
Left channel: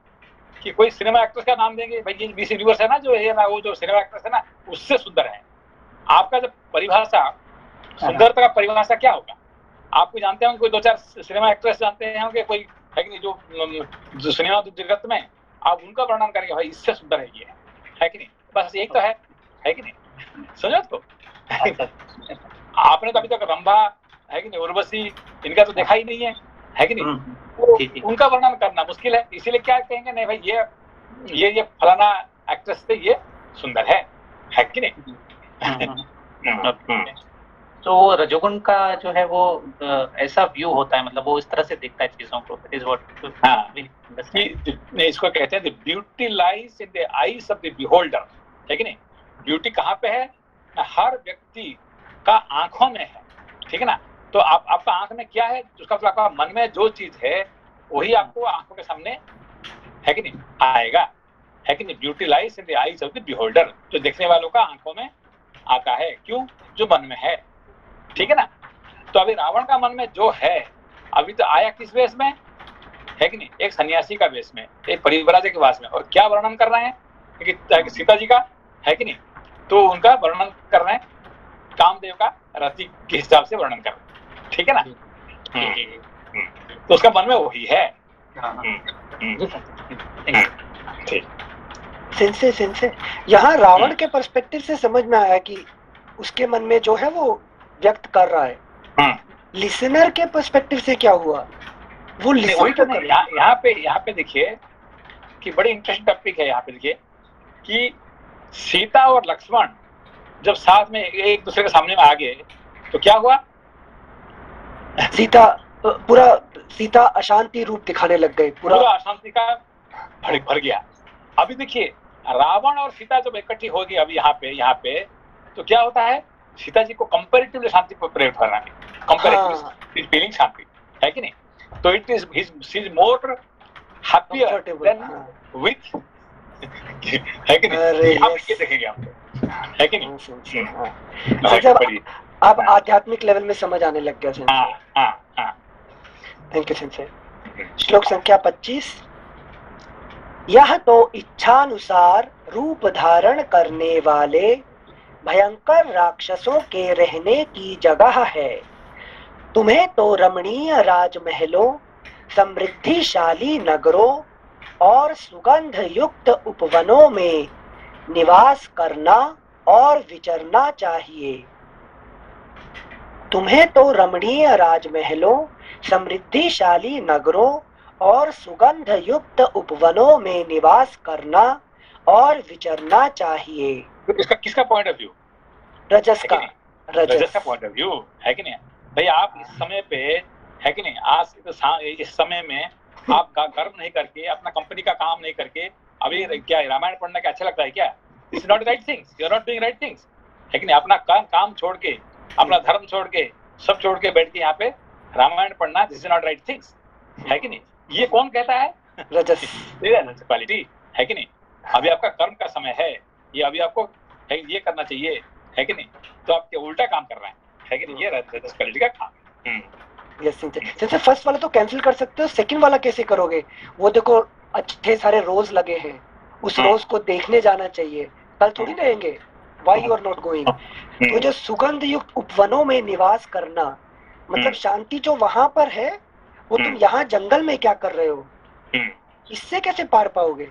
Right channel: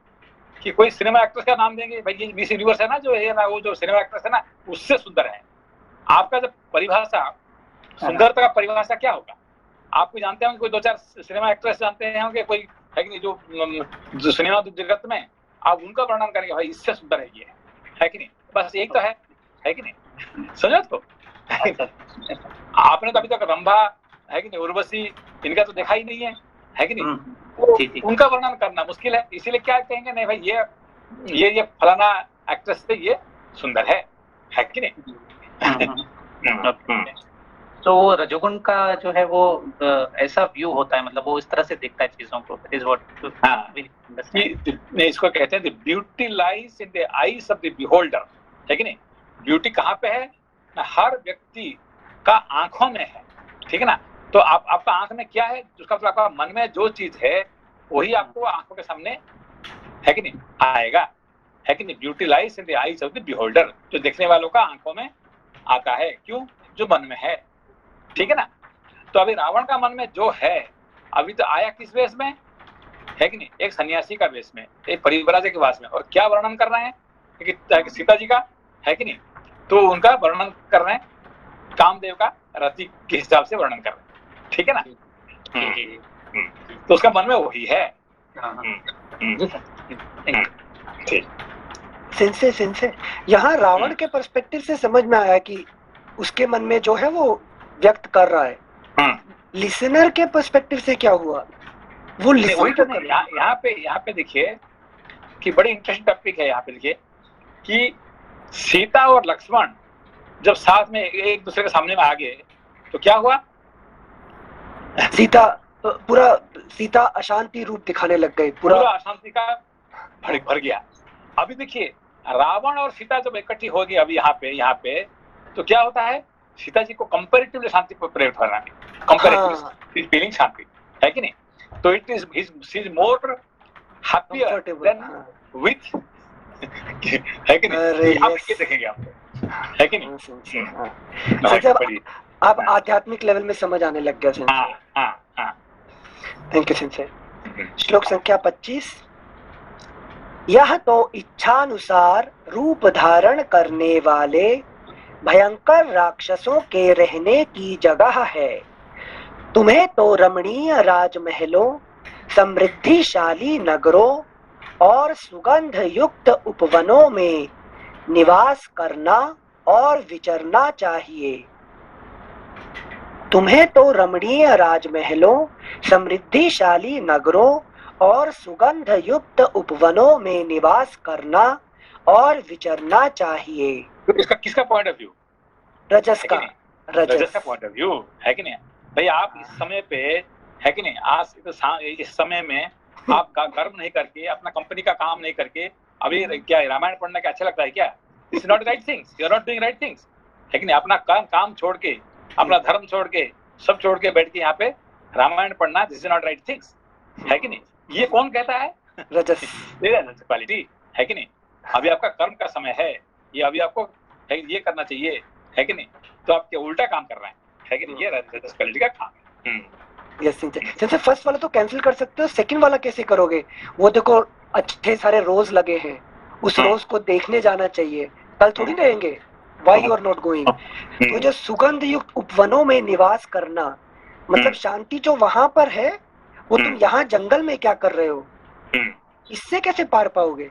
कि कोई सिनेमा एक्ट्रेस का नाम देंगे, भाई ये मिस यूनिवर्स है ना, जो है ना, वो जो सिनेमा एक्ट्रेस है ना, उससे सुंदर है। आपका जब परिभाषा, सुंदरता का परिभाषा क्या होगा? आपको जानते होंगे, कोई 2-4 सिनेमा एक्ट्रेस जानते होंगे, कोई है कि नहीं, जो सिनेमा जगत में आप उनका वर्णन करेंगे, भाई इससे सुंदर है ये, है कि नहीं? बस एक तो है कि नहीं? समझो तो। आपने तो अभी तक रंभा, है कि नहीं, उर्वशी, इनका तो देखा ही नहीं है कि नहीं? तो उनका वर्णन करना मुश्किल है। इसीलिए क्या कहेंगे, नहीं भाई ये फलाना एक्ट्रेस से ये सुंदर है कि नहीं? तो रजोगुण का जो है वो ऐसा व्यू होता है, मतलब वो इस तरह से देखता है चीजों को। इज व्हाट इसको कहते हैं beauty lies in the eyes of the beholder, है कि नहीं? ब्यूटी कहाँ पे है? हर व्यक्ति का आंखों में है। ठीक है ना? तो आपका आंख में क्या है, उसका मतलब आपका मन में जो चीज है वही आपको आंखों के सामने, है कि नहीं, आएगा, है कि नहीं? Beauty lies in the eyes of the beholder, जो देखने वालों का आंखों में आता है। क्यों? जो मन में है। ठीक है ना? तो अभी रावण का मन में जो है, अभी तो आया किस वेश में, है कि नहीं? एक सन्यासी का वेश में, एक परिव्राजक के वेश में। और क्या वर्णन कर रहे हैं कि सीता जी का, है कि नहीं? तो उनका वर्णन कर रहे हैं, कामदेव का रति के हिसाब से वर्णन कर रहे हैं। ठीक है ना? तो उसका मन में वही है। सेंसे यहाँ रावण के पर्सपेक्टिव से समझ में आया कि उसके मन में जो है वो व्यक्त कर रहा है। लिसनर के पर्सपेक्टिव से क्या हुआ, वो वही लिसन तो नहीं, यहाँ पे देखिए कि बड़ी इंटरेस्टिंग टॉपिक है। यहाँ पे देखिए कि सीता और लक्ष्मण जब साथ में एक दूसरे के सामने में आ गए तो क्या हुआ? सीता अशांति रूप दिखाने लग गई, पूरा अशांति का भर गया। अभी देखिए रावण और सीता जब इकट्ठी होगी अभी यहाँ पे तो क्या होता है, सीता जी को कंपैरेटिवली शांति पर प्रेरित करना है, कंपैरेटिवली फीलिंग शांति है कि नहीं? तो it is he is more happier than with है कि नहीं? यहाँ पे देखेंगे आप, है कि नहीं? जब अब आध्यात्मिक लेवल में समझ आने लग गया। Thank you sincere. श्लोक संख्या 25। यह तो इच्छानुसार रूप धारण करने वाले भयंकर राक्षसों के रहने की जगह है। तुम्हें तो रमणीय राजमहलों, समृद्धिशाली नगरों और सुगंध युक्त उपवनों में निवास करना और विचरना चाहिए। तुम्हें तो रमणीय राजमहलों, समृद्धिशाली नगरों और सुगंध युक्त उपवनों में निवास करना और विचरना चाहिए। तो इसका किसका पॉइंट ऑफ व्यू? रजस का पॉइंट ऑफ व्यू है कि नहीं भाई? आप इस समय पे है कि नहीं, आज इस समय में आप कर्म नहीं करके, अपना कंपनी का काम नहीं करके अभी क्या रामायण पढ़ने का अच्छा लगता है क्या? It's not right things, you are not doing right things, है कि नहीं? अपना काम छोड़ के, अपना धर्म छोड़ के, सब छोड़ के बैठ के यहाँ पे रामायण पढ़ना, this is not right things, है कि नहीं? ये कौन कहता है? रजस क्वालिटी, है कि नहीं? अभी आपका कर्म का समय है, ये अभी आपको ये करना चाहिए, है कि नहीं? तो आप क्या उल्टा काम कर रहे हैं, है कि नहीं? ये रजस क्वालिटी का काम है। जैसे फर्स्ट वाला तो कैंसिल कर सकते हो, सेकंड वाला कैसे करोगे? वो देखो अच्छे सारे रोज लगे हैं, उस रोज को देखने जाना चाहिए, कल थोड़ी रहेंगे, why you are not going? तो जो सुगंध युक्त उपवनों में निवास करना, मतलब शांति जो वहां पर है वो तुम यहाँ जंगल में क्या कर रहे हो, इससे कैसे पार पाओगे?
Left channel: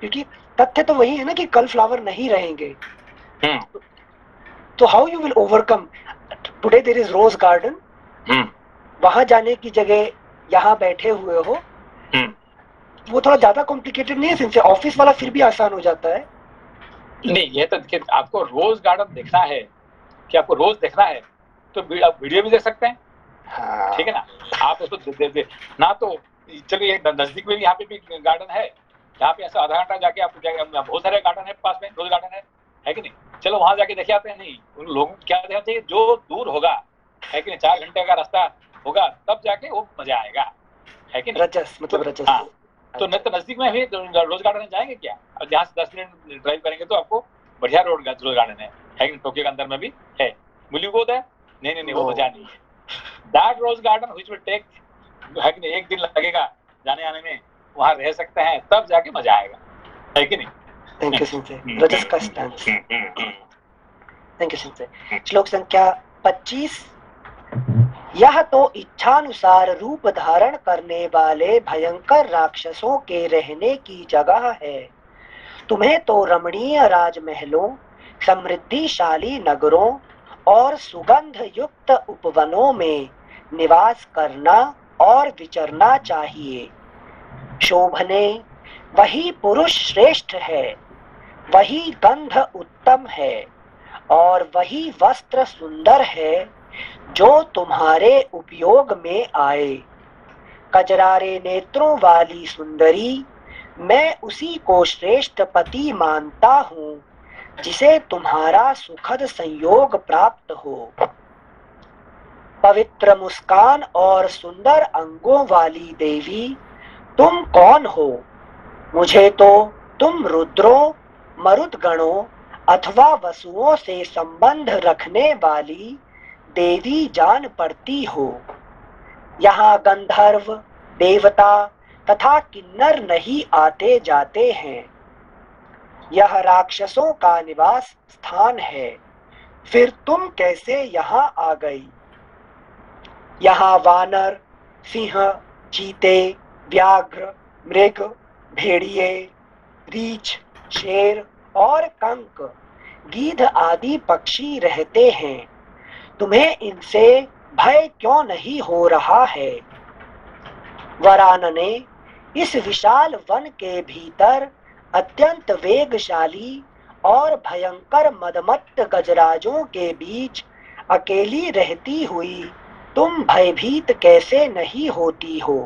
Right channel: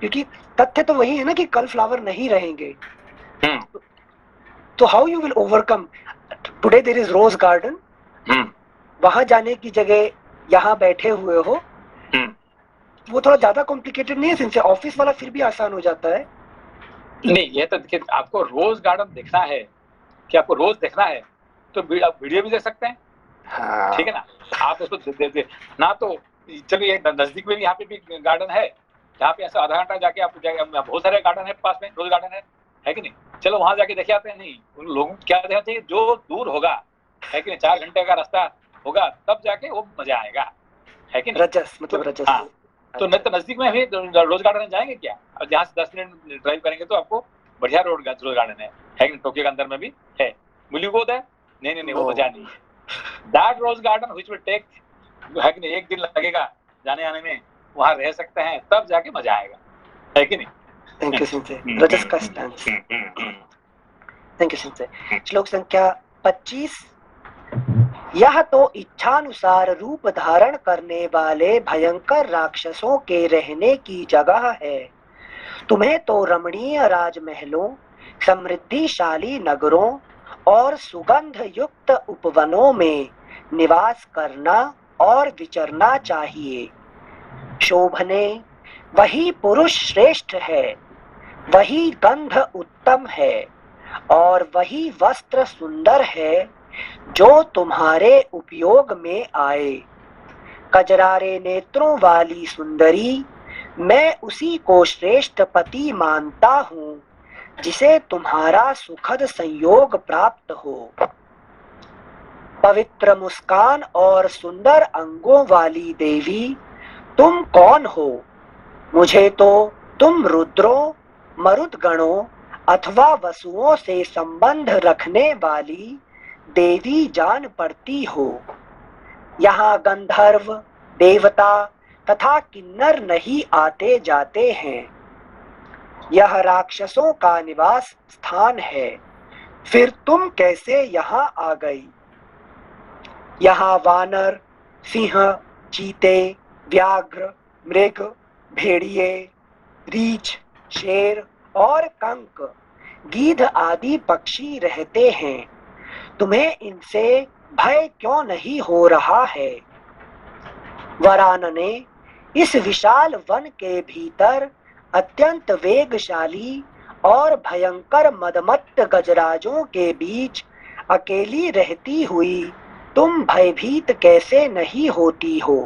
क्योंकि तथ्य तो वही है ना कि कल फ्लावर नहीं रहेंगे। तो how you will overcome? Today there is rose garden, वहां जाने की जगह यहाँ बैठे हुए हो, वो थोड़ा ज्यादा कॉम्प्लिकेटेड नहीं है सिंसे? ऑफिस वाला फिर भी आसान हो जाता है। नहीं, ये तो देखिए, आपको रोज गार्डन देखना है कि आपको रोज देखना है तो आप वीडियो भी देख सकते हैं, ठीक है ना? आप उसको ना तो चलिए नजदीक में भी यहाँ पे भी गार्डन है, यहाँ पे ऐसा आधा घंटा जाके आप बहुत सारे गार्डन है पास में, रोज गार्डन है कि नहीं? चलो वहां जाके देखे आते हैं। नहीं, उन लोगों को क्या देखना चाहिए, जो दूर होगा, है कि नहीं, 4 घंटे का रास्ता होगा, तब जाके वो मजा आएगा, है कि नहीं? रजस मतलब रजस। हाँ, तो नहीं तो नजदीक में भी रोज गार्डन जाएंगे क्या? अब जहाँ से 10 मिनट ड्राइव करेंगे तो आपको बढ़िया रोज गार्डन है कि टोक्यो के अंदर में भी है। Will you go there? नहीं, वो मजा नहीं है। That rose garden which will take, है कि नहीं, 1 दिन लगेगा जाने आने में, वहां रह सकते हैं, तब जाके मजा आएगा, है कि नहीं? Thank you sincere. रजस का स्टैंस। Thank you sincere. श्लोक संख्या 25। यह तो इच्छानुसार रूप धारण करने वाले भयंकर राक्षसों के रहने की जगह है। तुम्हें तो रमणीय राजमहलों, समृद्धिशाली नगरों और सुगंध युक्त उपवनों में निवास करना और विचरना चाहिए। शोभने वही पुरुष श्रेष्ठ है, वही गंध उत्तम है और वही वस्त्र सुंदर है जो तुम्हारे उपयोग में आए। कजरारे नेत्रों वाली सुंदरी, मैं उसी को श्रेष्ठ पति मानता हूँ जिसे तुम्हारा सुखद संयोग प्राप्त हो। पवित्र मुस्कान और सुंदर अंगों वाली देवी, तुम कौन हो? मुझे तो तुम रुद्रों, मरुदगणों अथवा वसुओं से संबंध रखने वाली देवी जान पड़ती हो। यहाँ गंधर्व, देवता तथा किन्नर नहीं आते जाते हैं। यह राक्षसों का निवास स्थान है, फिर तुम कैसे यहाँ आ गई? यहाँ वानर, सिंह, चीते, व्याघ्र, मृग, भेड़िए, रीछ, शेर और कंक, गीध आदि पक्षी रहते हैं। तुम्हें इनसे भय क्यों नहीं हो रहा है। वरान ने इस विशाल वन के भीतर अत्यंत वेगशाली और भयंकर मदमत्त गजराजों के बीच अकेली रहती हुई तुम भयभीत कैसे नहीं होती हो।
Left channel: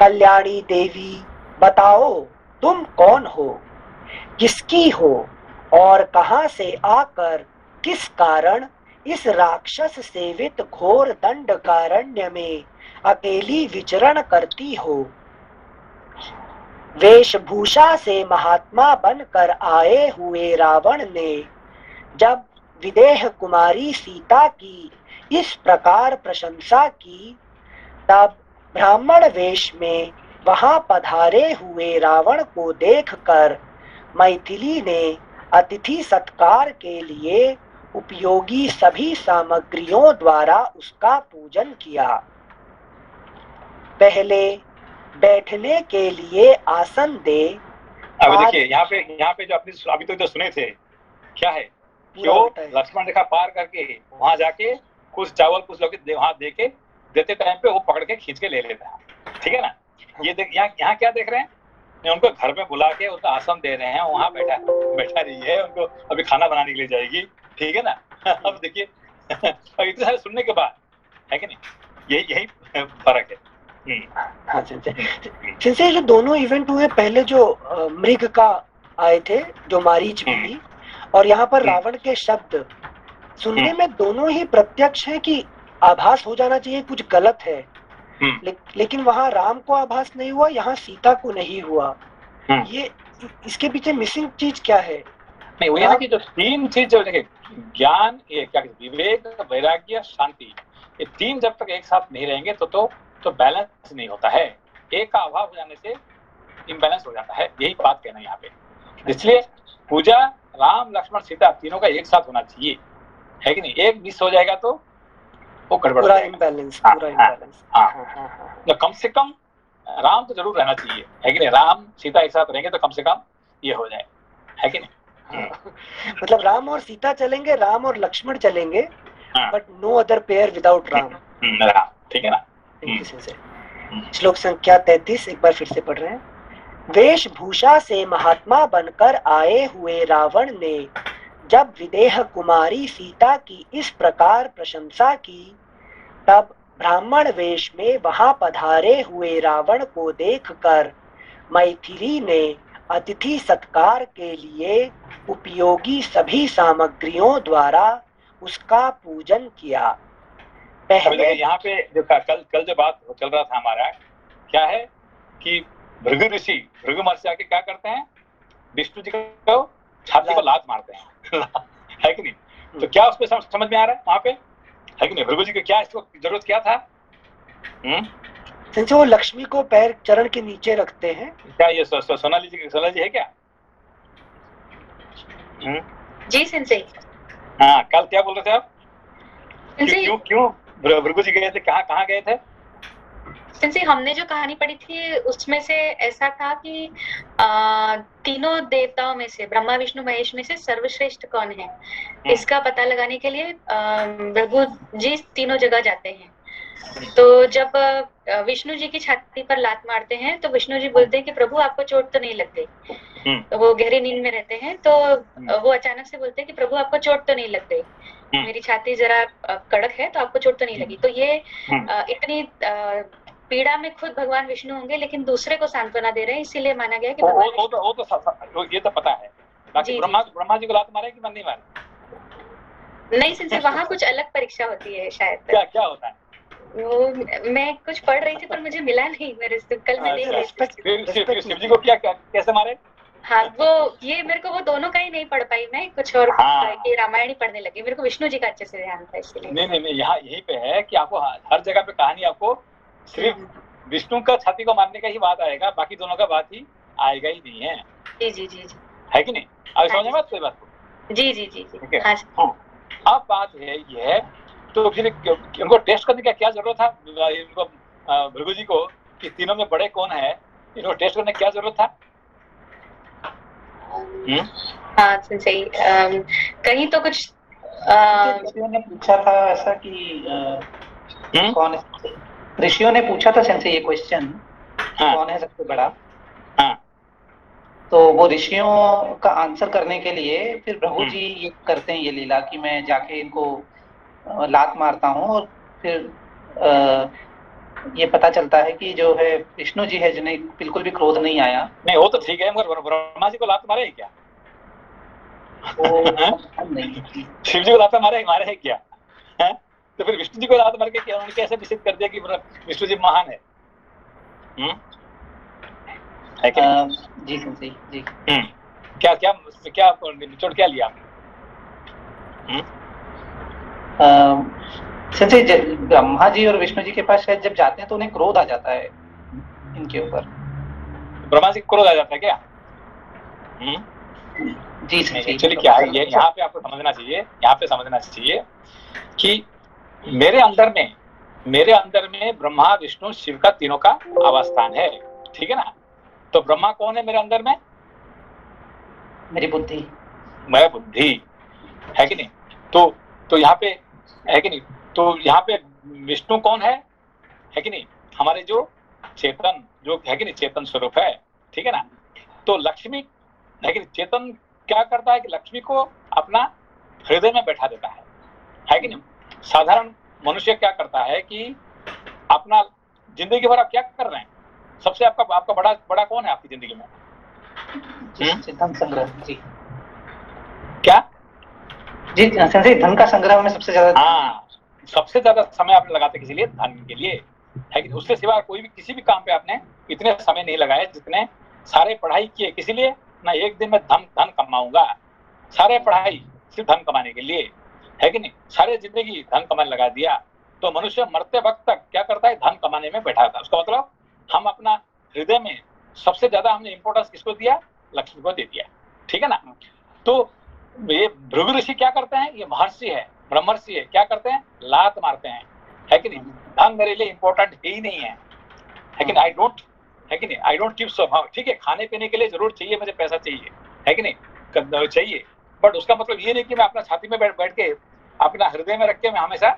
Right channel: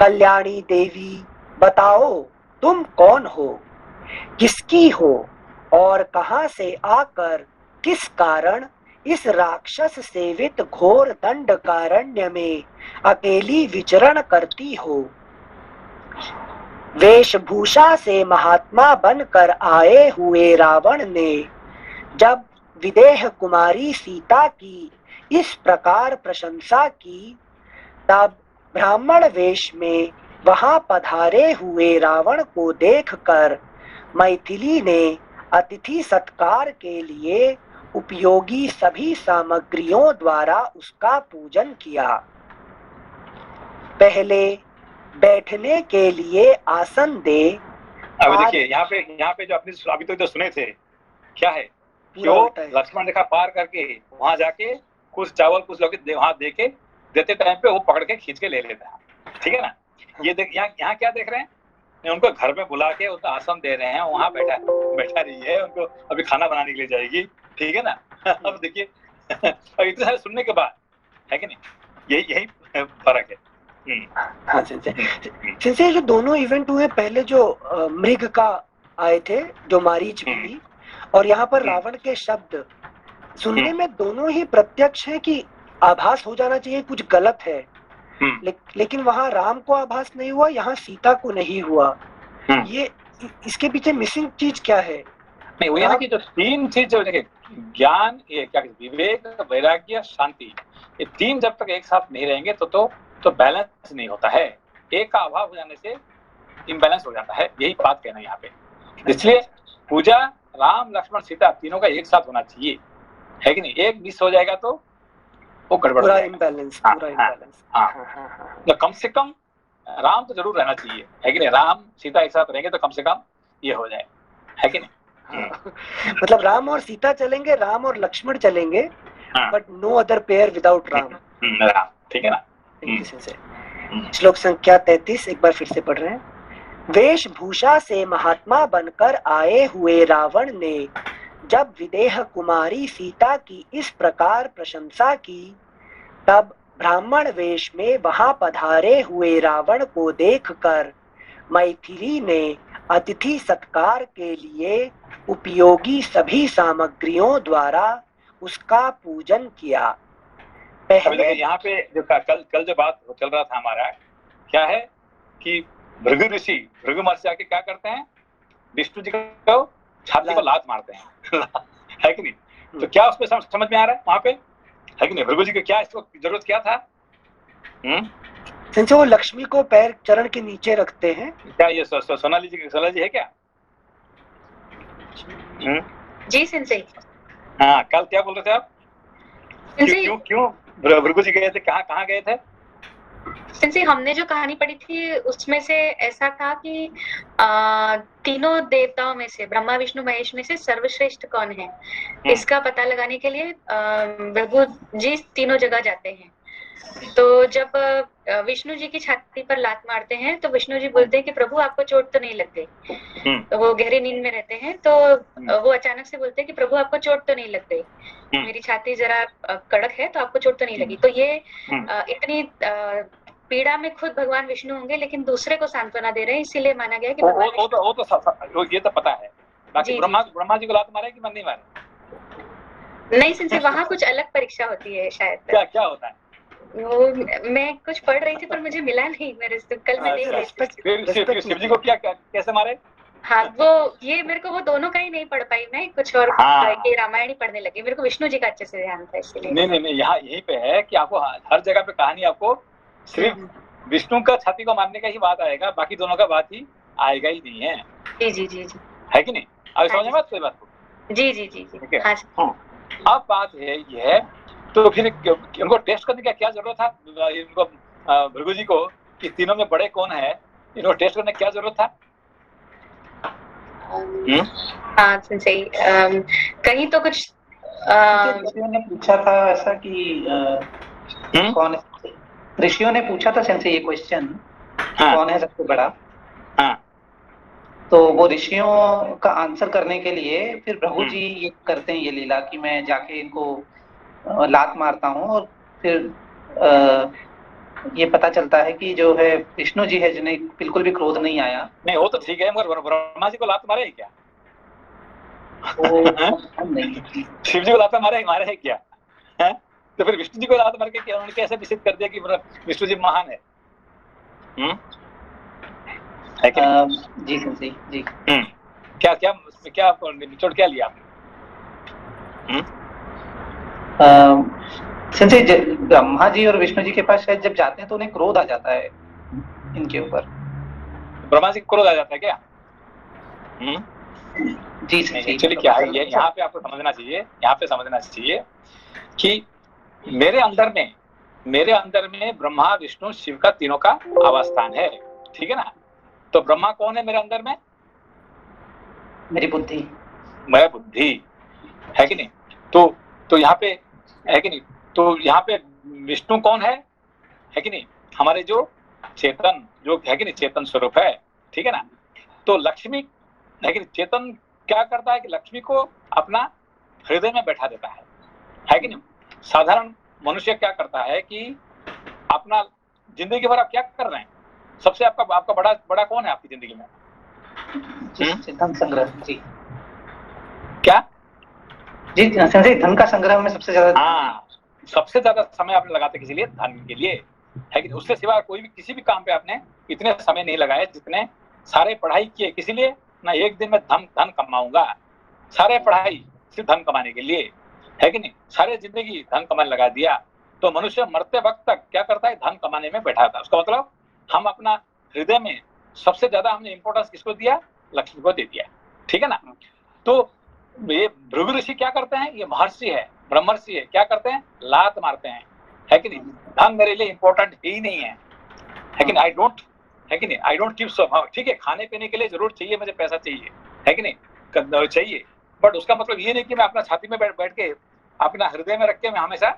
कल्याणी देवी, बताओ तुम कौन हो, किसकी हो और कहां से आकर किस कारण इस राक्षस सेवित घोर दंडकारण्य में अकेली विचरण करती हो। वेशभूषा से महात्मा बनकर आए हुए रावण ने जब विदेह कुमारी सीता की इस प्रकार प्रशंसा की, तब ब्राह्मण वेश में वहां पधारे हुए रावण को देखकर मैथिली ने अतिथि सत्कार के लिए उपयोगी सभी सामग्रियों द्वारा उसका पूजन किया। पहले बैठने के लिए आसन दे। अभी देखिए यहाँ पे जो अपने अभी तो जो सुने थे क्या है, जो लक्ष्मण रेखा पार करके वहां जाके कुछ चावल कुछ लोग वहां देके देते टाइम पे वो पकड़ के खींच के ले लेता है, ठीक है ना। ये देख यहाँ क्या देख रहे हैं, उनको घर में बुला के उनको आसन दे रहे हैं, वहां बैठा रही है, उनको अभी खाना बनाने के लिए जाएगी, ठीक है ना। अब देखिए इतने सारे सुनने के बाद है कि नहीं, यही फर्क है। हाँ सिंसे जो दोनों इवेंट हुए, पहले जो मृग का आए थे जो मारीच मिली, और यहाँ पर रावण के शब्द सुनने में दोनों ही प्रत्यक्ष है कि आभास हो जाना चाहिए कुछ गलत है, लेकिन वहाँ राम को आभास नहीं हुआ, यहाँ सीता को नहीं हुआ। ये इसके पीछे मिसिंग चीज क्या है? नहीं, वो ये ना कि जो तीन चीज जो देखिए, ज्ञान, ये क्या, विवेक, वैराग्य, शांति, ये तीन जब तक एक साथ नहीं रहेंगे तो बैलेंस नहीं होता है। एक का अभाव हो जाने से इम्बैलेंस हो जाता है, यही बात कहना है यहाँ पे। इसलिए पूजा राम लक्ष्मण सीता तीनों का एक साथ होना चाहिए, है कि नहीं। एक मिस हो जाएगा तो वो गड़बड़ हो जाएगा, पूरा इम्बैलेंस। तो कम से कम राम तो जरूर रहना चाहिए, है कि नहीं। राम सीता एक साथ रहेंगे तो कम से कम ये हो जाए, है कि नहीं। मतलब राम और सीता चलेंगे, राम और लक्ष्मण चलेंगे, but no other pair without Ram, ठीक है ना। श्लोक संख्या 33 एक बार फिर से पढ़ रहे हैं। वेशभूषा से महात्मा बनकर आए हुए रावण ने जब विदेह कुमारी सीता की इस प्रकार प्रशंसा की, तब ब्राह्मण वेश में वहां पधारे हुए रावण को देखकर मैथिली ने अतिथि सत्कार के लिए उपयोगी सभी सामग्रियों द्वारा उसका पूजन किया। पहले यहाँ पे जो कल जो बात चल रहा था हमारा, क्या है कि भृगु ऋषि भृगु महर्षि आके क्या करते हैं, विष्णु जी को छाती पर लात मारते हैं है कि नहीं। तो क्या उसमें समझ में आ रहा है वहां पे, है कि नहीं। भृगु जी को क्या इसको जरूरत क्या था। वो लक्ष्मी को पैर चरण के नीचे रखते हैं। क्या ये सोनाली जी है क्या? जी सेंसेई। हाँ, कल क्या बोल रहे थे आप? क्यों भृगु जी गए थे, कहाँ गए थे? सेंसेई, हमने जो कहानी पढ़ी थी उसमें से ऐसा था कि तीनों देवताओं में से, ब्रह्मा विष्णु महेश में से सर्वश्रेष्ठ कौन है, इसका पता लगाने के लिए भृगु जी तीनों जगह जाते हैं। तो जब विष्णु जी की छाती पर लात मारते हैं तो विष्णु जी बोलते हैं कि प्रभु आपको चोट तो नहीं लग गई। तो वो गहरी नींद में रहते हैं, तो वो अचानक से बोलते हैं कि प्रभु आपको चोट तो नहीं लग गई, मेरी छाती जरा कड़क है तो आपको चोट तो नहीं लगी। तो ये इतनी पीड़ा में खुद भगवान विष्णु होंगे, लेकिन दूसरे को सांत्वना दे रहे हैं, इसीलिए माना गया कि वो ये तो पता है। बाकी ब्रह्मा जी को लात मारे कि नहीं मारे? नहीं सिंसे, वहाँ कुछ अलग परीक्षा होती है शायद। क्या होता है वो मैं कुछ पढ़ रही थी पर मुझे मिला नहीं, मेरे से कल मैं देख रही थी। शिव जी को कैसे मारे? हाँ, वो ये मेरे को वो दोनों का ही नहीं पढ़ पाई मैं, कुछ और ये रामायण ही पढ़ने लगी। मेरे को विष्णु जी का अच्छे से ध्यान था, इसलिए। नहीं, यहाँ यही पे है कि आपको हर जगह पे कहानी आपको सिर्फ विष्णु का छाती को मारने का ही बात आएगा, बाकी दोनों का बात ही आएगा ही नहीं है। जी, है कि नहीं। अब समझ में बात कोई बात? जी। अब बात है ये, तो फिर उनको टेस्ट करने का क्या जरूरत था इनको, भृगु जी को, कि तीनों में बड़े कौन है, इनको टेस्ट करने की क्या जरूरत था? हाँ सही, कहीं तो कुछ ऋषियों ने पूछा था ऐसा कि कौन है, ऋषियों ने पूछा था सेंसे ये क्वेश्चन, कौन है सबसे बड़ा। हाँ। तो वो ऋषियों का आंसर करने के लिए फिर प्रभु जी ये करते हैं ये लीला कि मैं जाके इनको लात मारता हूँ और फिर ये पता चलता है कि जो है विष्णु जी है जिन्हें बिल्कुल भी क्रोध नहीं आया। नहीं वो तो ठीक है, मगर ब्रह्मा जी को लात मारे है क्या? वो नहीं, शिव जी को लात मारे है क्या? है? तो फिर विष्णु जी को लात मार के क्या उन्होंने कैसे निश्चित कर दिया कि विष्णु जी महान है? है कि नहीं? जी संजय जी। क्या क्या क्या निचोड़ क्या लिया आपने? संजय ब्रह्मा जी और विष्णु जी के पास शायद जब जाते हैं तो उन्हें क्रोध आ जाता है इनके ऊपर। ब्रह्मा जी को क्रोध आ जाता है क्या? जी एक्चुअली क्या है ये यहाँ पे आपको समझना चाहिए कि मेरे अंदर में ब्रह्मा विष्णु शिव का तीनों का आवास स्थान है, ठीक है ना। तो ब्रह्मा कौन है मेरे अंदर में? मेरी बुद्धि, मैं बुद्धि, है कि नहीं। तो यहाँ पे है कि नहीं, तो यहाँ पे विष्णु कौन है कि नहीं, हमारे जो चेतन जो है कि नहीं चेतन स्वरूप है, ठीक है ना। तो लक्ष्मी है कि नहीं, चेतन क्या करता है कि लक्ष्मी को अपना हृदय में बैठा देता है कि नहीं। साधारण मनुष्य क्या करता है कि अपना जिंदगी भर आप क्या कर रहे हैं, सबसे आपका बड़ा कौन है आपकी जिंदगी में? धन संग्रह जी। क्या जी संजय, धन का संग्रह में सबसे ज्यादा, हाँ, सबसे ज्यादा समय आपने लगाते किसी लिए? धन के लिए, है कि उससे सिवा कोई भी किसी भी काम पे आपने इतने समय नहीं लगाए जितने सारे पढ़ाई किए किसी लिए ना। एक दिन में धन कमाऊंगा, सारे पढ़ाई सिर्फ धन कमाने के लिए, है कि नहीं। सारे जिंदगी धन कमाने लगा दिया। तो मनुष्य मरते वक्त तक क्या करता है? धन कमाने में बैठा था। उसका मतलब हम अपना हृदय में सबसे ज्यादा हमने इंपोर्टेंस किसको दिया? लक्ष्मी को दे दिया, ठीक है ना। तो ये भृगु ऋषि क्या करते हैं? ये महर्षि है, ब्रह्मर्षि है, क्या करते हैं? लात मारते हैं, है कि नहीं। धन मेरे लिए इंपॉर्टेंट ही नहीं है कि नहीं। आई डोंट गिव सो, ठीक है, खाने पीने के लिए जरूर चाहिए, मुझे पैसा चाहिए, है कि नहीं, चाहिए। बट उसका मतलब ये नहीं कि मैं अपना छाती में बैठ के अपना हृदय में रख के मैं हमेशा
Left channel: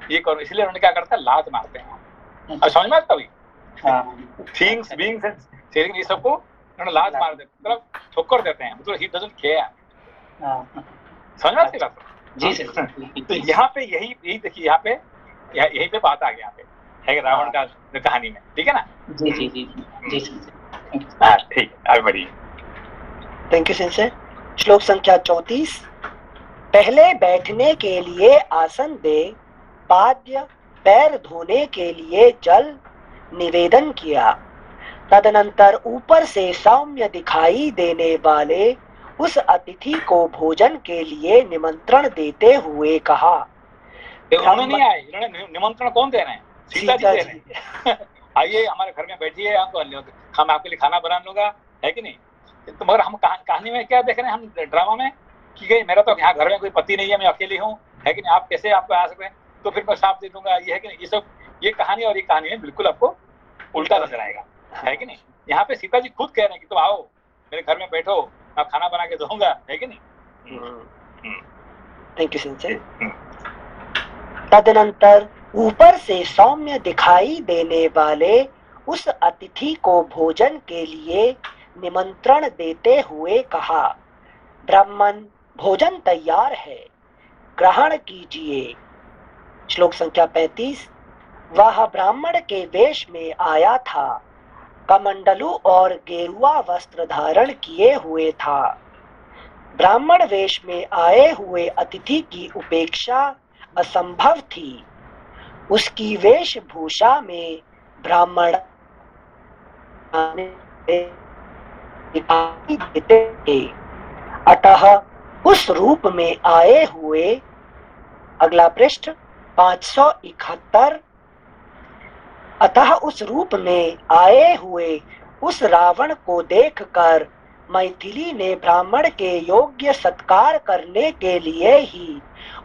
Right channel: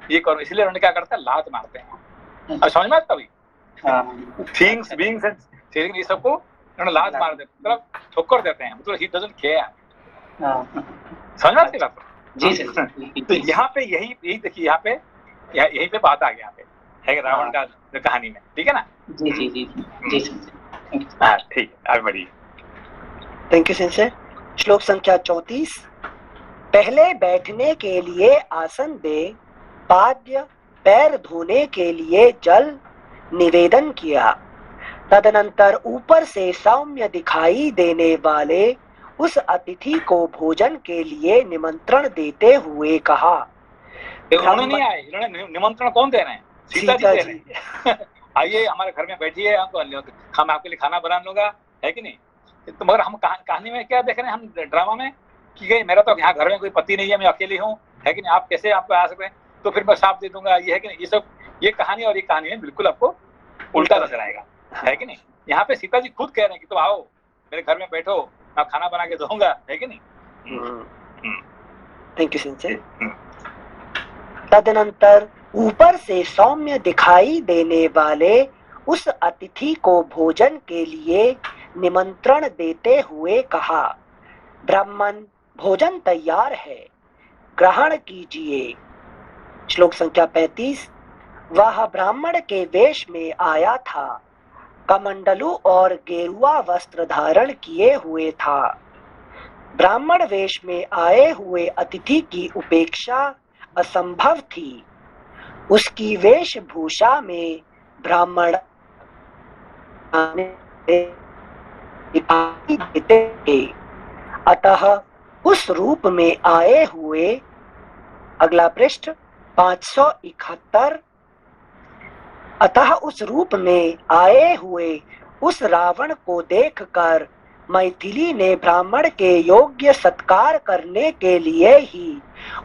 ये करूं। इसलिए उन्होंने क्या करता है? लात मारते हैं। और समझ में आता भी थिंग्स बीइंग्स ये सबको उन्होंने लात मार देते, मतलब ठोकर देते हैं, मतलब ही डजंट केयर। समझ में आती बात? जी। तो यहाँ पे यही देखिए, यहाँ पे यही पे बात आ गया है कि रावण का कहानी में, ठीक है ना। जी जी जी जी हाँ ठीक है, आगे बढ़िए। Thank you sensor. श्लोक संख्या 34। पहले बैठने के लिए आसन दे, पाद्य पैर धोने के लिए जल निवेदन किया। तदनंतर ऊपर से सौम्य दिखाई देने वाले उस अतिथि को भोजन के लिए निमंत्रण देते हुए कहा। उन्होंने नहीं आए, इन्होंने निमंत्रण कौन दे रहे हैं? सीता जी दे रहे हैं। आइए हमारे घर में बैठिए, हम आपके लिए खाना बना लूंगा, है कि नहीं। तो मगर हम कहानी में क्या देख रहे हैं, हम ड्रामा में कि मेरा तो यहाँ घर में कोई पति नहीं है, मैं अकेली हूँ, है कि नहीं, आप कैसे आपको आ सकते हैं, तो फिर मैं साफ दे दूंगा, ये है कि नहीं। ये सब ये कहानी और ये कहानी में बिल्कुल आपको उल्टा नजर आएगा, है कि नहीं। यहाँ पे सीता जी खुद कह रहे हैं कि तुम आओ मेरे घर में बैठो, मैं खाना बना के दूंगा, है कि नहीं। थैंक यू सिंचन। तदनंतर ऊपर से सौम्य दिखाई देने वाले उस अतिथि को भोजन के लिए निमंत्रण देते हुए कहा, ब्राह्मण भोजन तैयार है, ग्रहण कीजिए। श्लोक संख्या 35। वह ब्राह्मण के वेश में आया था, कमंडलू और गेरुआ वस्त्र धारण किए हुए था। ब्राह्मण वेश में आए हुए अतिथि की उपेक्षा असंभव थी। उसकी वेशभूषा में ब्राह्मण दिखाई देते थे, अतः उस रूप में आए हुए, अगला पृष्ठ 571। अतः उस रूप में आए हुए उस रावण को देखकर मैथिली ने ब्राह्मण के योग्य सत्कार करने के लिए ही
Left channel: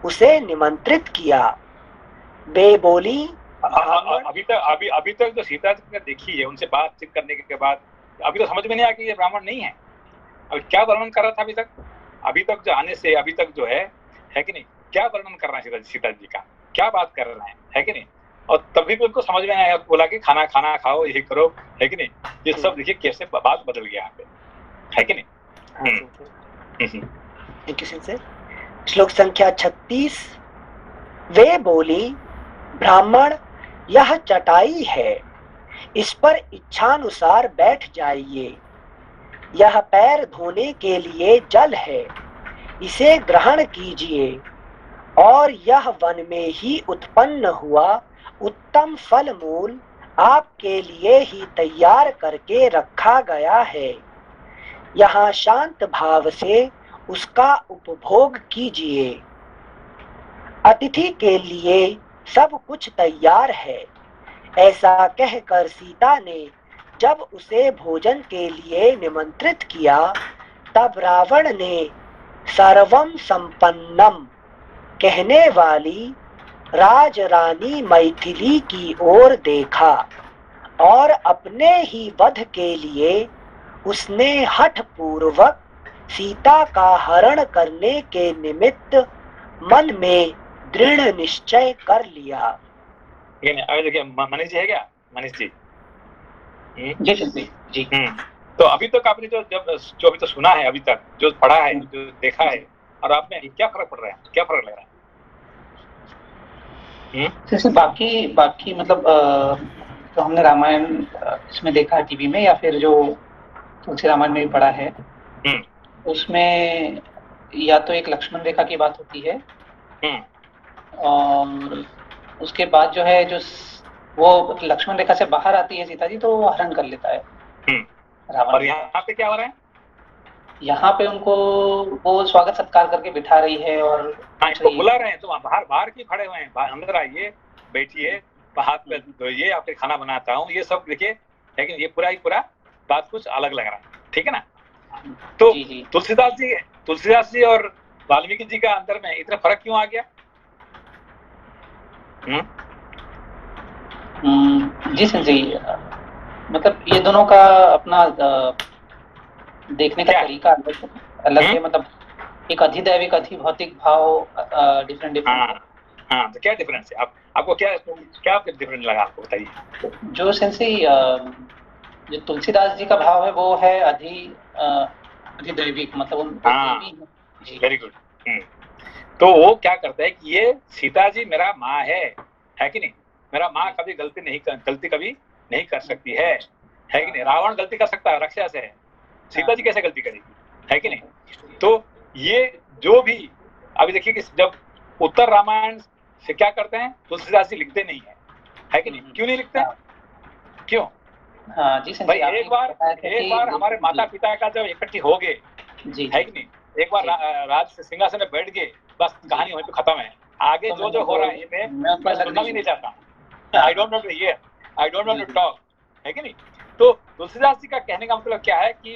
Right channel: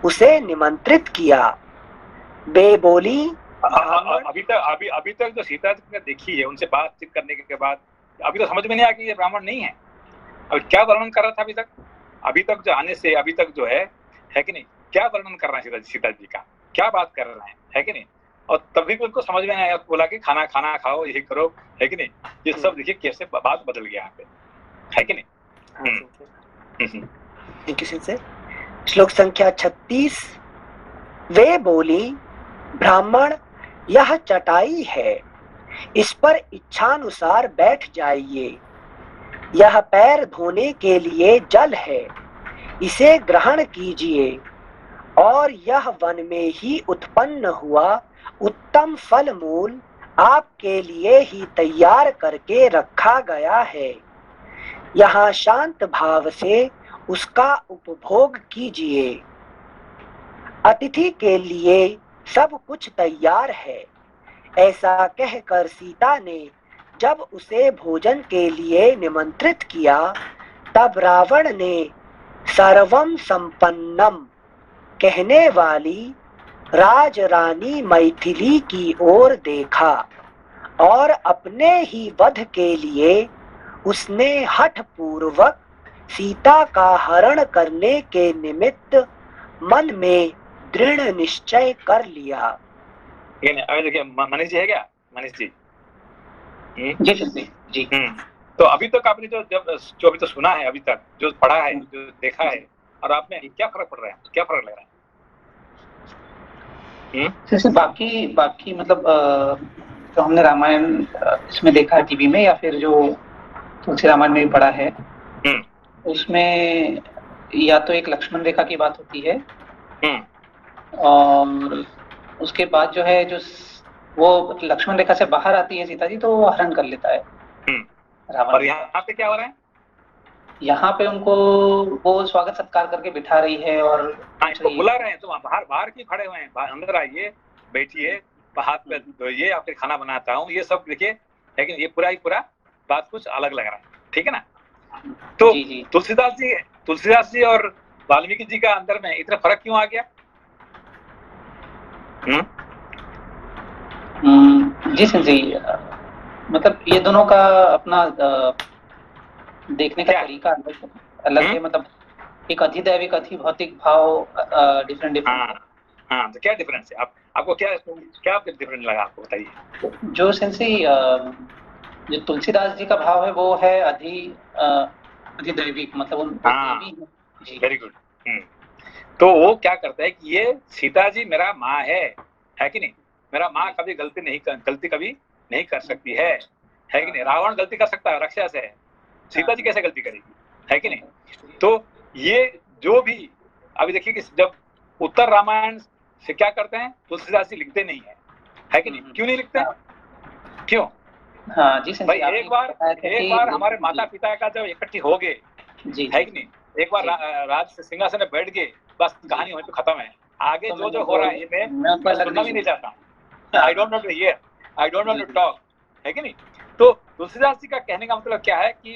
उसे निमंत्रित किया। बे बोली, अभी तक जो सीता जी ने देखी है, उनसे बातचीत करने के बाद अभी तो समझ में नहीं आया कि ये ब्राह्मण नहीं है। अब क्या वर्णन कर रहा था अभी तक जो आने से अभी तक जो है कि नहीं, क्या वर्णन कर रहे हैं सीता जी का, क्या बात कर रहे हैं, है कि नहीं। और तभी भी उनको समझ में आया, बोला कि खाना खाना खाओ, यही करो, है कि नहीं। ये सब देखिए कैसे बात बदल गया यहाँ पे, है कि नहीं। Thank you Singh. श्लोक संख्या 36। वे बोली, ब्राह्मण यह चटाई है, इस पर इच्छानुसार बैठ जाइए। यह पैर धोने के लिए जल है, इसे ग्रहण कीजिए। और यह वन में ही उत्पन्न हुआ उत्तम फल मूल आपके लिए ही तैयार करके रखा गया है। यहाँ शांत भाव से उसका उपभोग कीजिए। अतिथि के लिए सब कुछ तैयार है। ऐसा कहकर सीता ने जब उसे भोजन के लिए निमंत्रित किया, तब रावण ने सर्वम संपन्नम कहने वाली राजरानी मैथिली की ओर देखा और अपने ही वध के लिए उसने हठ पूर्वक सीता का हरण करने के निमित्त मन में दृढ़ निश्चय कर लिया। अभी देखिए मनीष जी है क्या, मनीष जी। जी जी। तो अभी तक आपने जो अभी तो सुना है, अभी तक जो पढ़ा है, जो देखा है, और आप में क्या फर्क पड़ रहा है, क्या फर्क लग रहा है? जैसे बाकी मतलब जो हमने रामायण इसमें देखा है टीवी में, या फिर जो तुलसी रामायण में भी पढ़ा है, उसमें या तो एक लक्ष्मण रेखा की बात होती है, और उसके बाद जो है, जो वो लक्ष्मण रेखा से बाहर आती है सीता जी, तो वो हरण कर लेता है रावण। और यहाँ पे क्या हो रहा है? यहाँ पे उनको वो स्वागत सत्कार करके बिठा रही है, और इसको बुला रहे हैं, तो बाहर की खड़े हुए हैं, अंदर आइए, बैठिए, हाथ पे धोइए, आपके खाना बनाता हूँ, ये सब देखिए। लेकिन ये पूरा ही पूरा बात कुछ अलग लग रहा है, ठीक है ना। तो तुलसीदास जी और वाल्मीकि जी का अंदर में इतना फर्क क्यों आ गया? जी जी, मतलब ये दोनों का अपना देखने का तरीका अलग है। मतलब एक अधिदैविक अधिभौतिक भाव डिफरेंट। हाँ, तो क्या डिफरेंस है? आपको क्या डिफरेंस लगा, आपको बताइए। जो सेंसी जो तुलसीदास जी का भाव है, वो है अधिदैविक, मतलब वेरी गुड। तो वो क्या करता है कि ये सीता जी मेरा माँ है कि नहीं। मेरा माँ कभी गलती कभी नहीं कर सकती है कि नहीं। रावण गलती कर सकता है, राक्षस है, सीता जी कैसे गलती करेगी, है कि नहीं। तो ये जो भी अभी देखिए कि जब उत्तर रामायण से क्या करते हैं, तुलसीदास जी लिखते नहीं है कि नहीं। क्यों नहीं लिखते, क्यों? हाँ जी भाई, एक बार हमारे माता पिता का जब इकट्ठी हो गए, है कि नहीं, एक बार राज सिंहासन में बैठ गए, बस कहानी वहीं पे खत्म है। आगे जो हो रहा है ये मैं सुनना भी नहीं चाहता। I don't want to hear, I don't want to talk, है कि नहीं। तो तुलसीदास जी का कहने का मतलब क्या है कि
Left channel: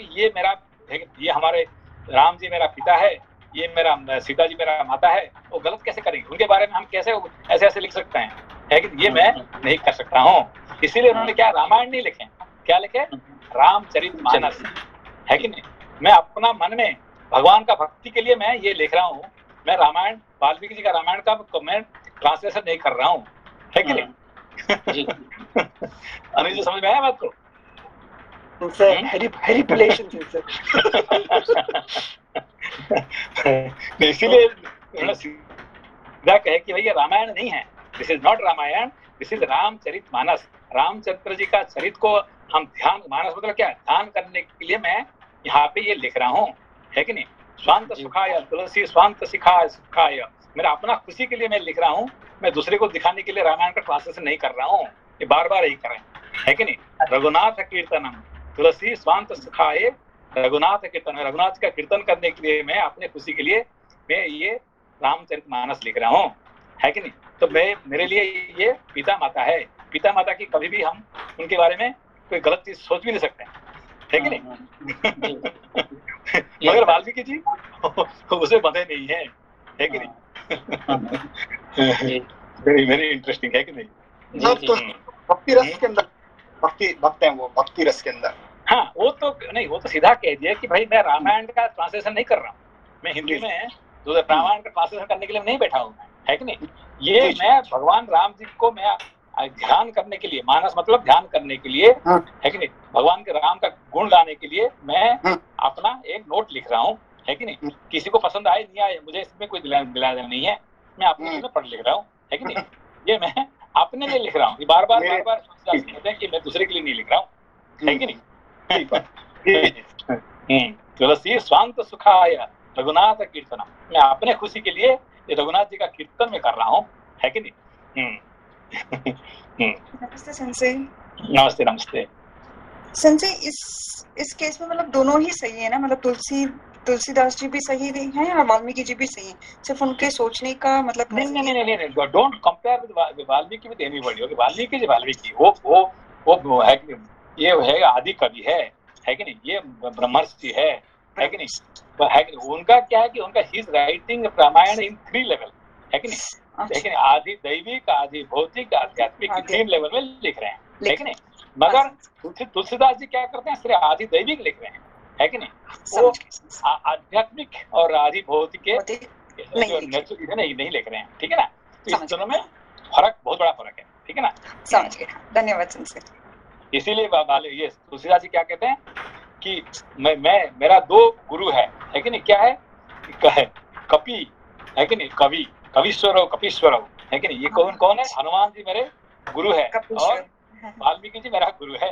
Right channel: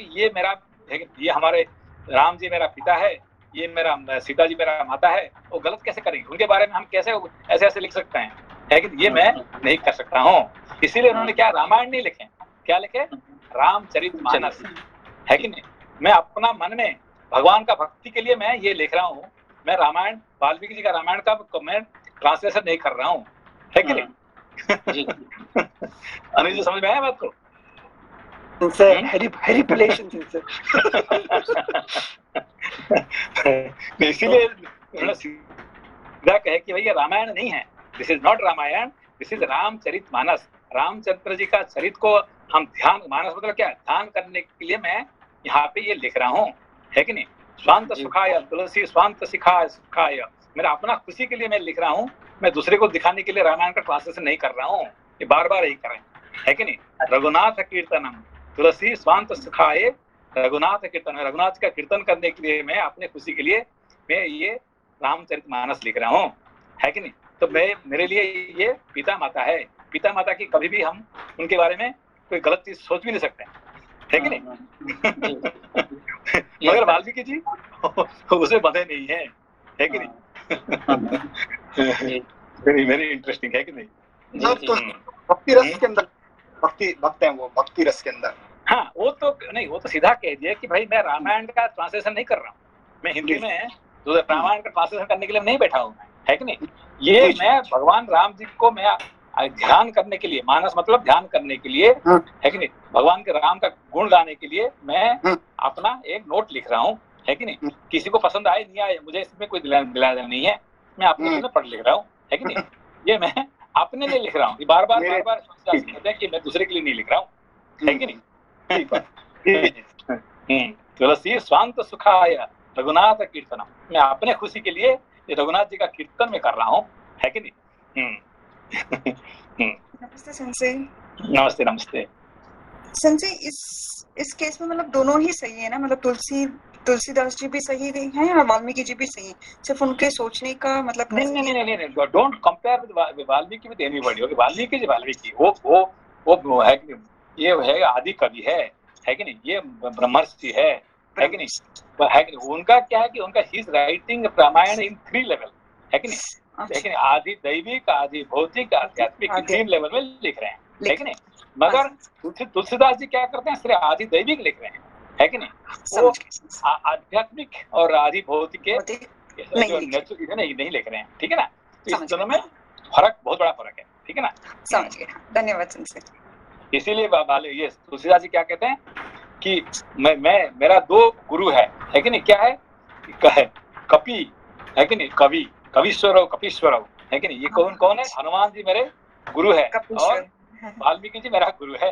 ये हमारे राम जी मेरा पिता है, ये मेरा सीता जी मेरा माता है, वो गलत कैसे करेंगे, उनके बारे में हम कैसे ऐसे लिख सकते हैं, है कि ये मैं नहीं कर सकता हूँ। इसीलिए उन्होंने क्या रामायण नहीं लिखे, क्या लिखे? रामचरितमानस, है कि नहीं। मैं अपना मन में भगवान का भक्ति के लिए मैं ये लिख रहा हूँ। मैं रामायण, वाल्मीकि जी का रामायण का मैं ट्रांसलेशन नहीं कर रहा हूँ, है कि नहीं। अनिल जी, समझ में आया बात को? इसीलिए उन्होंने सीधा कहे कि भैया रामायण नहीं है, this is not Ramayana, this is Ramcharitmanas. Ramchandra ji का चरित्र को हम ध्यान, मानस मतलब क्या, ध्यान करने के लिए मैं यहाँ पे ये लिख रहा हूँ, है कि नहीं। स्वांत सुखाय तुलसी स्वांत सुखाय, मेरा अपना खुशी के लिए मैं लिख रहा हूँ, मैं दूसरे को दिखाने के लिए रामायण का ट्रांसलेशन नहीं कर रहा हूँ। ये बार बार यही करें, है कि नहीं। रघुनाथ कीर्तनम तुलसी स्वांत सुखाय, रघुनाथ कीर्तन, रघुनाथ का कीर्तन करने के लिए मैं अपने खुशी के लिए मैं ये रामचरितमानस लिख रहा हूँ, है कि नहीं। तो मेरे लिए ये पिता माता है। पिता माता की कभी भी हम उनके बारे में कोई गलत चीज सोच भी नहीं सकते, है कि नहीं। मगर वाल्मीकि जी उसे बंधे नहीं है कि नहीं। वेरी इंटरेस्टिंग, है कि नहीं। भक्ति रस के अंदर भक्त हैं वो, भक्ति रस के अंदर। हाँ, वो तो नहीं, वो तो सीधा कह दिया कि भाई मैं रामायण का ट्रांसलेशन नहीं कर रहा हूँ, मैं हिंदी में तो रामायण का ट्रांसलेशन करने के लिए नहीं बैठा हूँ मैं, है कि नहीं। ये मैं भगवान राम जी को मैं ध्यान करने के लिए, मानस मतलब ध्यान करने के लिए, है कि नहीं, भगवान के राम का गुण गाने के लिए मैं अपना एक नोट लिख रहा हूँ, है कि नहीं। किसी को पसंद आए नहीं आए मुझे इसमें कोई दिलाना नहीं है, मैं अपने लिए पढ़ लिख रहा हूँ, है कि नहीं। ये मैं अपने लिए लिख रहा हूँ, बार बार कहते हैं कि मैं दूसरे के लिए नहीं लिख रहा हूँ, है कि नहीं। तुलसी स्वांत सुखाय रघुनाथ कीर्तनम, मैं अपने खुशी के लिए रघुनाथ जी का कीर्तन में कर रहा हूँ, है कि नहीं। नमस्ते सेंसे। नमस्ते नमस्ते। सेंसे इस केस में मतलब दोनों ही सही है ना, मतलब तुलसीदास जी भी सही हैं और वाल्मीकि जी भी सही हैं, सिर्फ उनके सोचने का मतलब नहीं, don't compare with Valmiki with anybody. Okay, Valmiki वो है कि ये है आदि कवि है कि नहीं, ये ब्रह्मर्षि है कि नहीं, है कि नहीं। उनका क्या है कि उनका ही is writing Ramayan in 3 level, है कि नहीं, लेकिन आदि दैविक, आदि भौतिक, आध्यात्मिक 3 लेवल में लिख रहे हैं, है कि नहीं। मगर तुलसीदास जी क्या करते हैं, सिर्फ आदि दैविक लिख रहे हैं, है कि नहीं। वो आध्यात्मिक और आदि भौतिक के नहीं लिख रहे हैं, ठीक है ना। तो इस दोनों में फर्क, बहुत बड़ा फर्क है, ठीक है ना। समझ गए, धन्यवाद सेंसे। इसीलिए ये तुलसीदास जी क्या कहते हैं कि मेरा 2 गुरु है कि नहीं। क्या है, कपि, है कि नहीं, कवीश्वरव, है कि नहीं। ये कौन है, हनुमान जी मेरे गुरु है और वाल्मीकि जी मेरा गुरु है,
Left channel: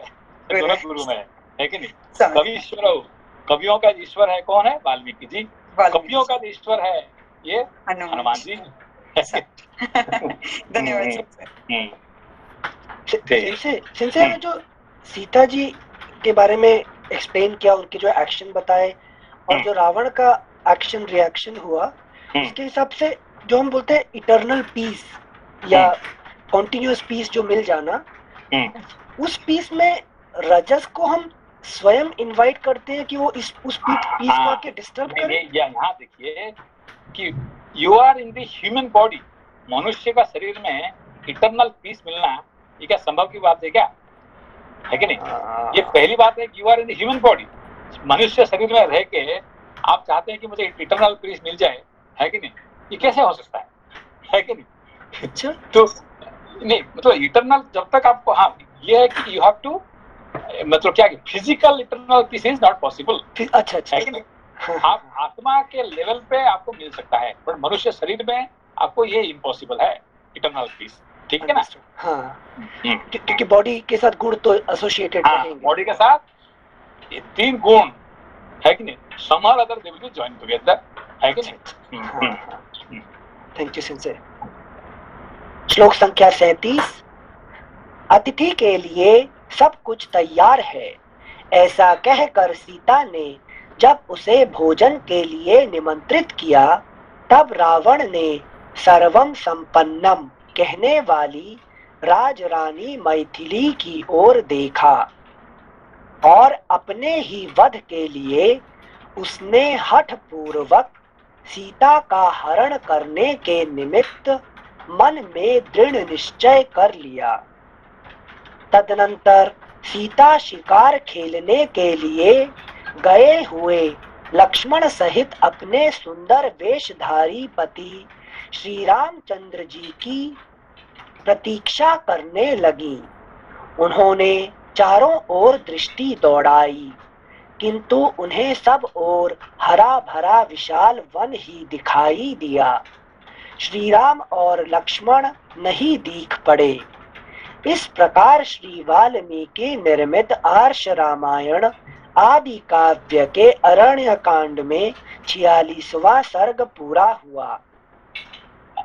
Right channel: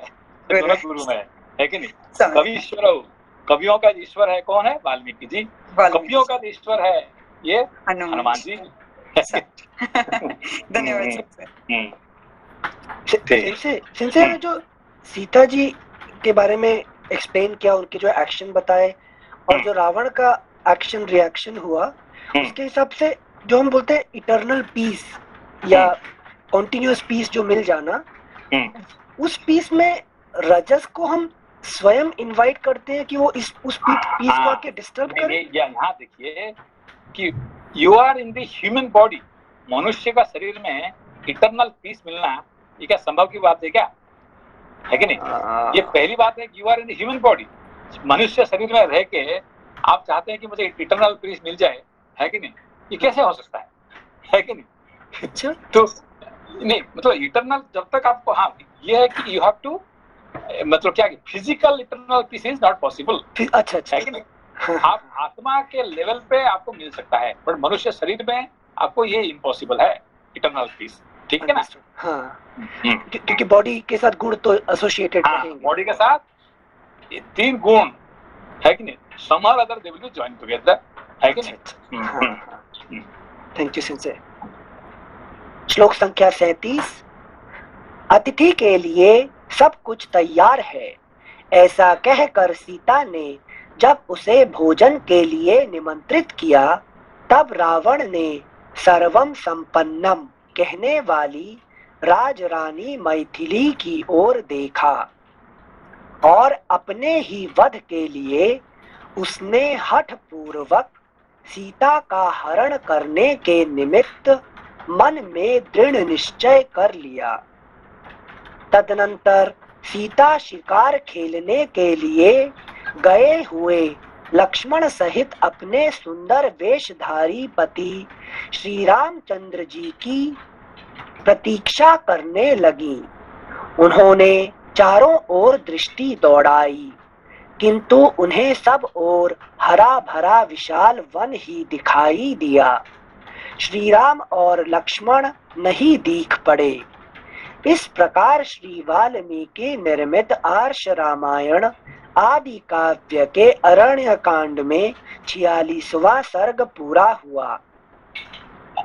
दोनों गुरु में है कि नहीं। कवीश्वरव, कवियों का ईश्वर है कौन है, वाल्मीकि जी। कवियों का ईश्वर है ये हनुमान जी। धन्यवाद सेंसे। जो सीता जी के बारे में एक्सप्लेन किया, उनके जो एक्शन बताए और जो रावण का एक्शन रिएक्शन हुआ, उसके हिसाब से जो हम बोलते हैं इटर्नल पीस या कॉन्टिन्यूअस पीस जो मिल जाना, उस पीस में रजस को हम स्वयं इनवाइट करते हैं कि वो उस पीस को आके डिस्टर्ब करे। यहाँ देखिए कि you are in the human body, मनुष्य का शरीर में इटर्नल पीस मिलना ये क्या संभव की बात है क्या, है कि नहीं। ये पहली बात है कि you are in the human body, मनुष्य शरीर में रह के आप चाहते हैं कि मुझे इटर्नल पीस मिल जाए, है कि नहीं। ये कैसे हो सकता है कि नहीं। अच्छा, तो नहीं मतलब इटर्नल जब तक आपको, हाँ ये है कि यू हैव टू, मतलब क्या physical eternal peace is not possible. अच्छा, है कि नहीं। आप आत्मा के लेवल पे आपको मिल सकता है, पर मनुष्य शरीर में आपको ये इम्पॉसिबल है इटर्नल पीस, ठीक है ना। हाँ, क्योंकि बॉडी के साथ गुण तो एसोसिएटेड रहेंगे। बॉडी के साथ ये 3 गुण, है कि नहीं, some or other they will join together, है कि नहीं। Thank you sensei. श्लोक संख्या 37। अतिथि के लिए सब कुछ तैयार है, ऐसा कहकर सीता ने जब उसे भोजन के लिए निमंत्रित किया, तब रावण ने सर्वम संपन्नम कहने वाली राजरानी मैथिली की ओर देखा और अपने ही वध के लिए उसने हठ पूर्वक सीता का हरण करने के निमित्त मन में दृढ़ निश्चय कर लिया। तदनंतर सीता शिकार खेलने के लिए गए हुए लक्ष्मण सहित अपने सुंदर वेशधारी पति श्री रामचंद्र जी की प्रतीक्षा करने लगी। उन्होंने चारों ओर दृष्टि दौड़ाई, किंतु उन्हें सब ओर हरा भरा विशाल वन ही दिखाई दिया। श्री राम और लक्ष्मण नहीं दिख पड़े। इस प्रकार श्री वाल्मीकि निर्मित आर्ष रामायण आदि काव्य के अरण्य कांड में 46वां सर्ग पूरा हुआ।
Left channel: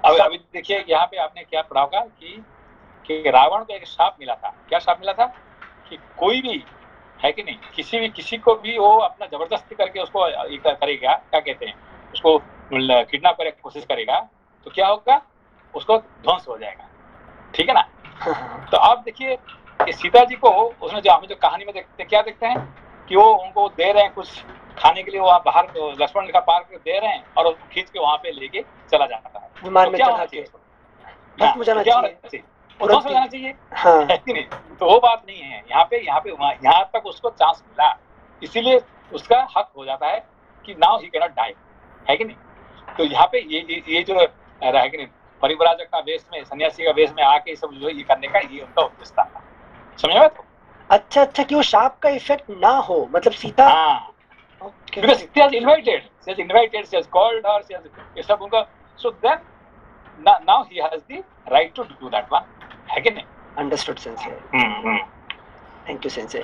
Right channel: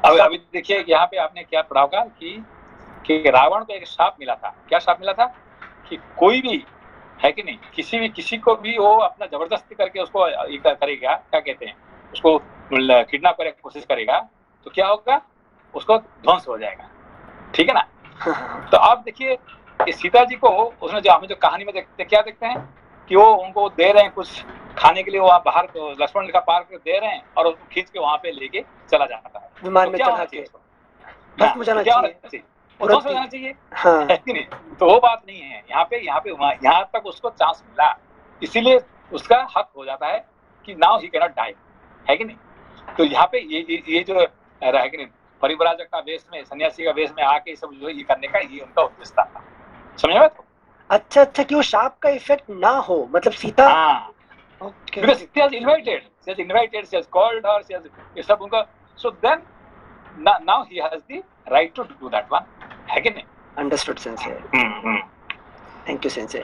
अभी देखिए यहाँ पे आपने क्या पढ़ा होगा कि रावण को एक श्राप मिला था। क्या श्राप मिला था कि कोई भी, है कि नहीं, किसी को भी वो अपना जबरदस्ती करके उसको करेगा, क्या कहते हैं, उसको किडनैप करने की कोशिश करेगा, तो क्या होगा, उसको ध्वंस हो जाएगा, ठीक है ना। तो आप देखिए कि सीता जी को उसने जो कहानी में देखते क्या देखते हैं कि वो उनको दे रहे हैं कुछ खाने के लिए, वहाँ बाहर लक्ष्मण रेखा पार कर दे रहे हैं और उसको खींच के वहाँ पे लेके चला जाता है विमान में चढ़ा के। जाना चाहिए, तो वो बात नहीं है यहाँ पे। यहाँ तक उसको चांस मिला, इसीलिए उसका हक हो जाता है कि नाउ ही कैनॉट डाई, है कि नहीं। तो यहाँ पे ये जो रहा है कि नहीं, परिव्राजक का वेश में, सन्यासी का वेश में आके सब जो ये करने का ये उनका उद्देश्य था। समझा तो? अच्छा अच्छा, कि वो शाप का इफेक्ट ना हो, मतलब सीता हाँ, Okay. because she has invited, she has called her, ये सब उनका, so then now he has the right to do that one, है कि नहीं? Understood, Sensei. Hmm. Thank you, Sensei.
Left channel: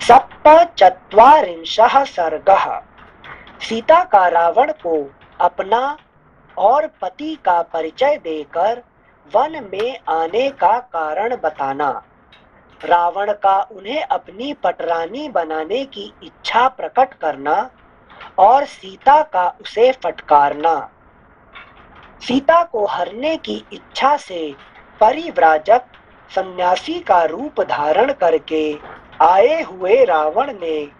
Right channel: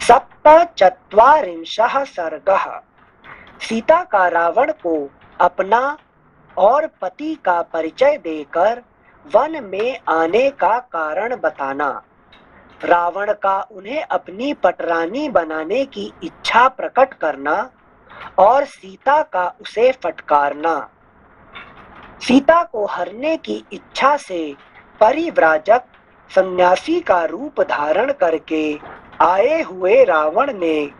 सप्तचत्वारिंशः सर्गः। सीता का रावण को अपना और पति का परिचय देकर वन में आने का कारण बताना, रावण का उन्हें अपनी पटरानी बनाने की इच्छा प्रकट करना और सीता का उसे फटकारना। सीता को हरने की इच्छा से परिव्राजक सन्यासी का रूप धारण करके आए हुए रावण ने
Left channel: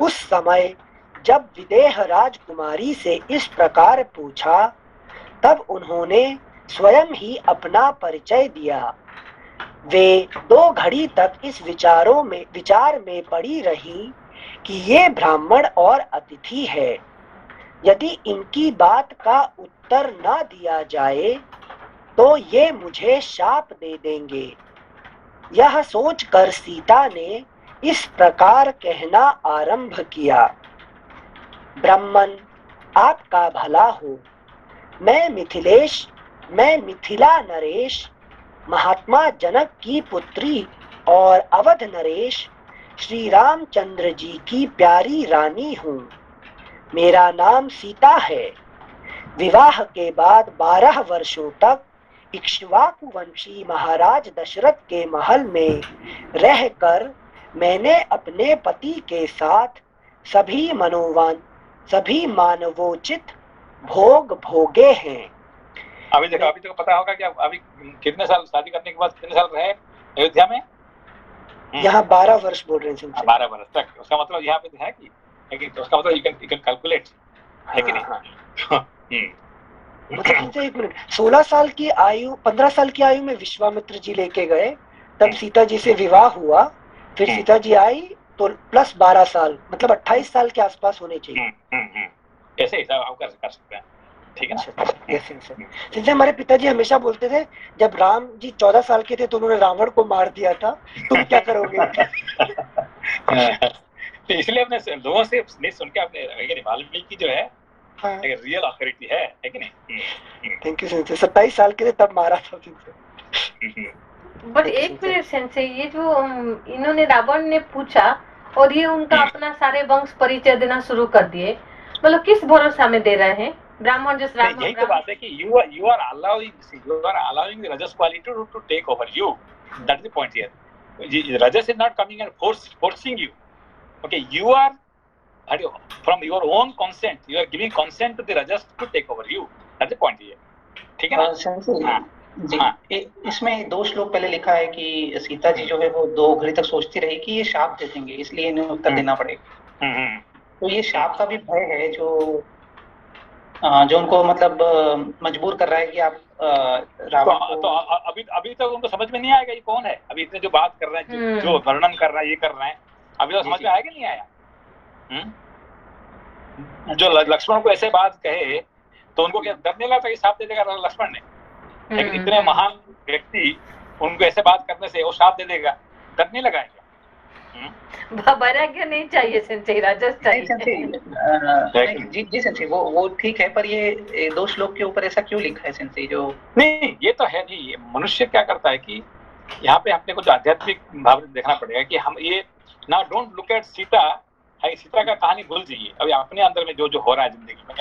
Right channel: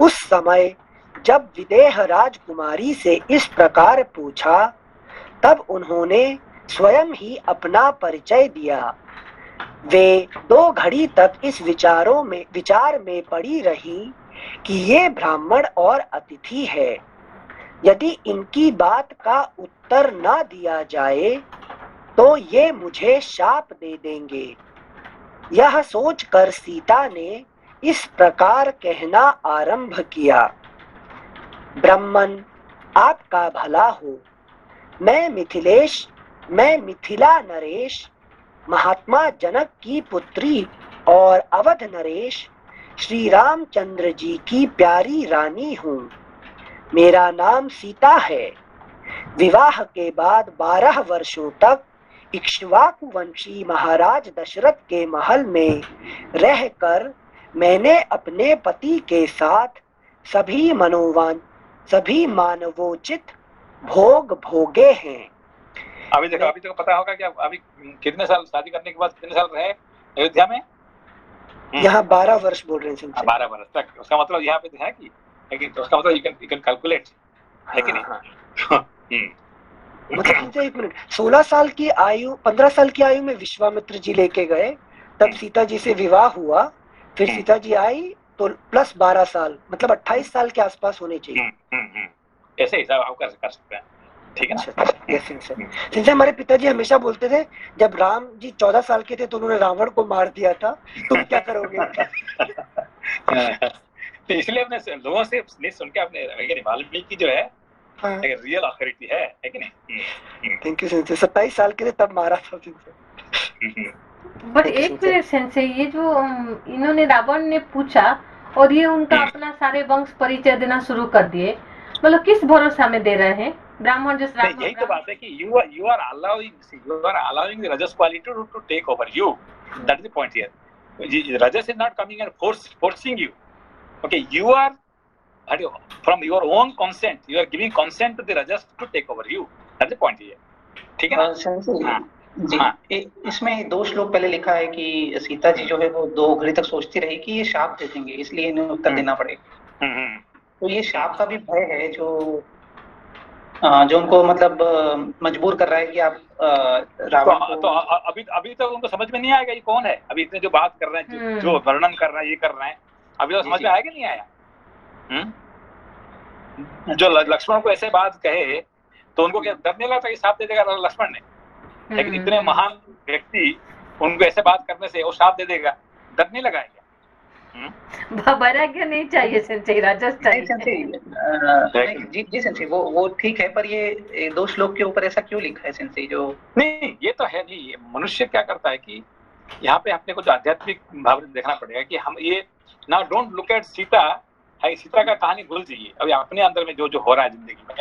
उस समय जब विदेह राजकुमारी से इस प्रकार पूछा, तब उन्होंने स्वयं ही अपना परिचय दिया। वे 2 घड़ी तक इस विचार में पड़ी रही कि ये ब्राह्मण और अतिथि है, यदि इनकी बात का उत्तर न दिया जाए तो ये मुझे शाप दे देंगे। यह सोचकर सीता ने इस प्रकार कहना आरंभ किया, ब्राह्मण आपका भला हो, मैं मिथिला नरेश, महात्मा जनक की पुत्री और अवध नरेश श्री रामचंद्र जी की प्यारी रानी हूँ। मेरा नाम सीता है। विवाह के बाद 12 वर्षों तक इक्ष्वाकु वंशी महाराज दशरथ के महल में रहकर मैंने अपने पति के साथ सभी मानवोचित भोग भोगे हैं। अभी देखो पता होगा कि अभी कितने साल, शादी करने के बाद कितने साल रहे अयोध्या में? यहाँ 12 वर्ष बोल रहे हैं। 12 वर्ष तक, उसका मतलब यहाँ पे है कि, लेकिन उसका मतलब you can कैलकुलेट, है कि नहीं? मतलब 1 मिनट, 16 साल की आयु, 15 साल की आयु में विश्वामित्र जी लेके गए, तब सीता जी से विवाह हुआ, फिर सीता जी आई तो प्लस 12 साल, मतलब 28 साल के आसपास होने चाहिए। ऐसे हिसाब आप कर सकते हैं, ठीक है ना? जैसे हमारे पिताजी हमेशा बोलते थे, जब राम जी 14 साल के थे तो उन्होंने रावण को मार दिया था, तुम क्या करोगे? तो इसलिए अपने लोगों से नहीं सुन के अपने वाल्मीकि जो है रियल अथॉरिटी है कि नहीं? Thank you sense. 27 साल के थे तब मारा था। बट एक मिनट सेंसे, ये जो इन्होंने रावण ने पूछा और ये उनका अपना सारे वंश परिचय देना शुरू कर दिए, मतलब किस भरोसा में दे रहे हैं? ब्राह्मण जिस रावण, यही तो बात है कि you are allowing the rajas quality to take over you. That's the point here. Rajas is not coming and forcing you. Okay, you are from your own consent, you are giving consent to the rajas to take over you. That's the point here. ठीक है ना? जी, इसमें 2 श्लोक पहले लिखा है कि सीता जी जो है वो 2 घड़ी तक सोचती रही कि ये शाप दे देंगे, इसलिए इन्हें उत्तर देना पड़ेगा। तो ये शाप का भी भय है जो उनको मतलब मजबूर कर रहा है कि आप रावण तो अभी तक उनको समझ में नहीं आएगा ये कौन है। अभी इतने जो बात कर रहे हैं, जो वर्णन कर रहे हैं, ये कर रहे हैं, अभी तो समझ में आया कि नहीं आया? जो लक्ष्मण को ऐसे बात कहे तो उनको क्या डर नहीं लगता कि शाप दे देगा लक्ष्मण ने? लेकिन इतने महान व्यक्ति उनको ऐसे बात करने से वो शाप दे देगा, डर नहीं लगाएंगे? वैराग्य नहीं चाहिए सेंसे, राजस चाहिए। जी सेंसे, वो ठीक है, पर ये 2 श्लोक के ऊपर ऐसा क्यों लिखा है सेंसे? जो नहीं, ये तो है नहीं। मनुष्य क्या करता है कि यहाँ पे अपने को जो आध्यात्मिक भाव देखना पड़ेगा कि हम ये ना डोंट लुक एट सीता का कहानी भूल जाइए। अभी अपने अंदर में जो हो रहा है जिंदगी में,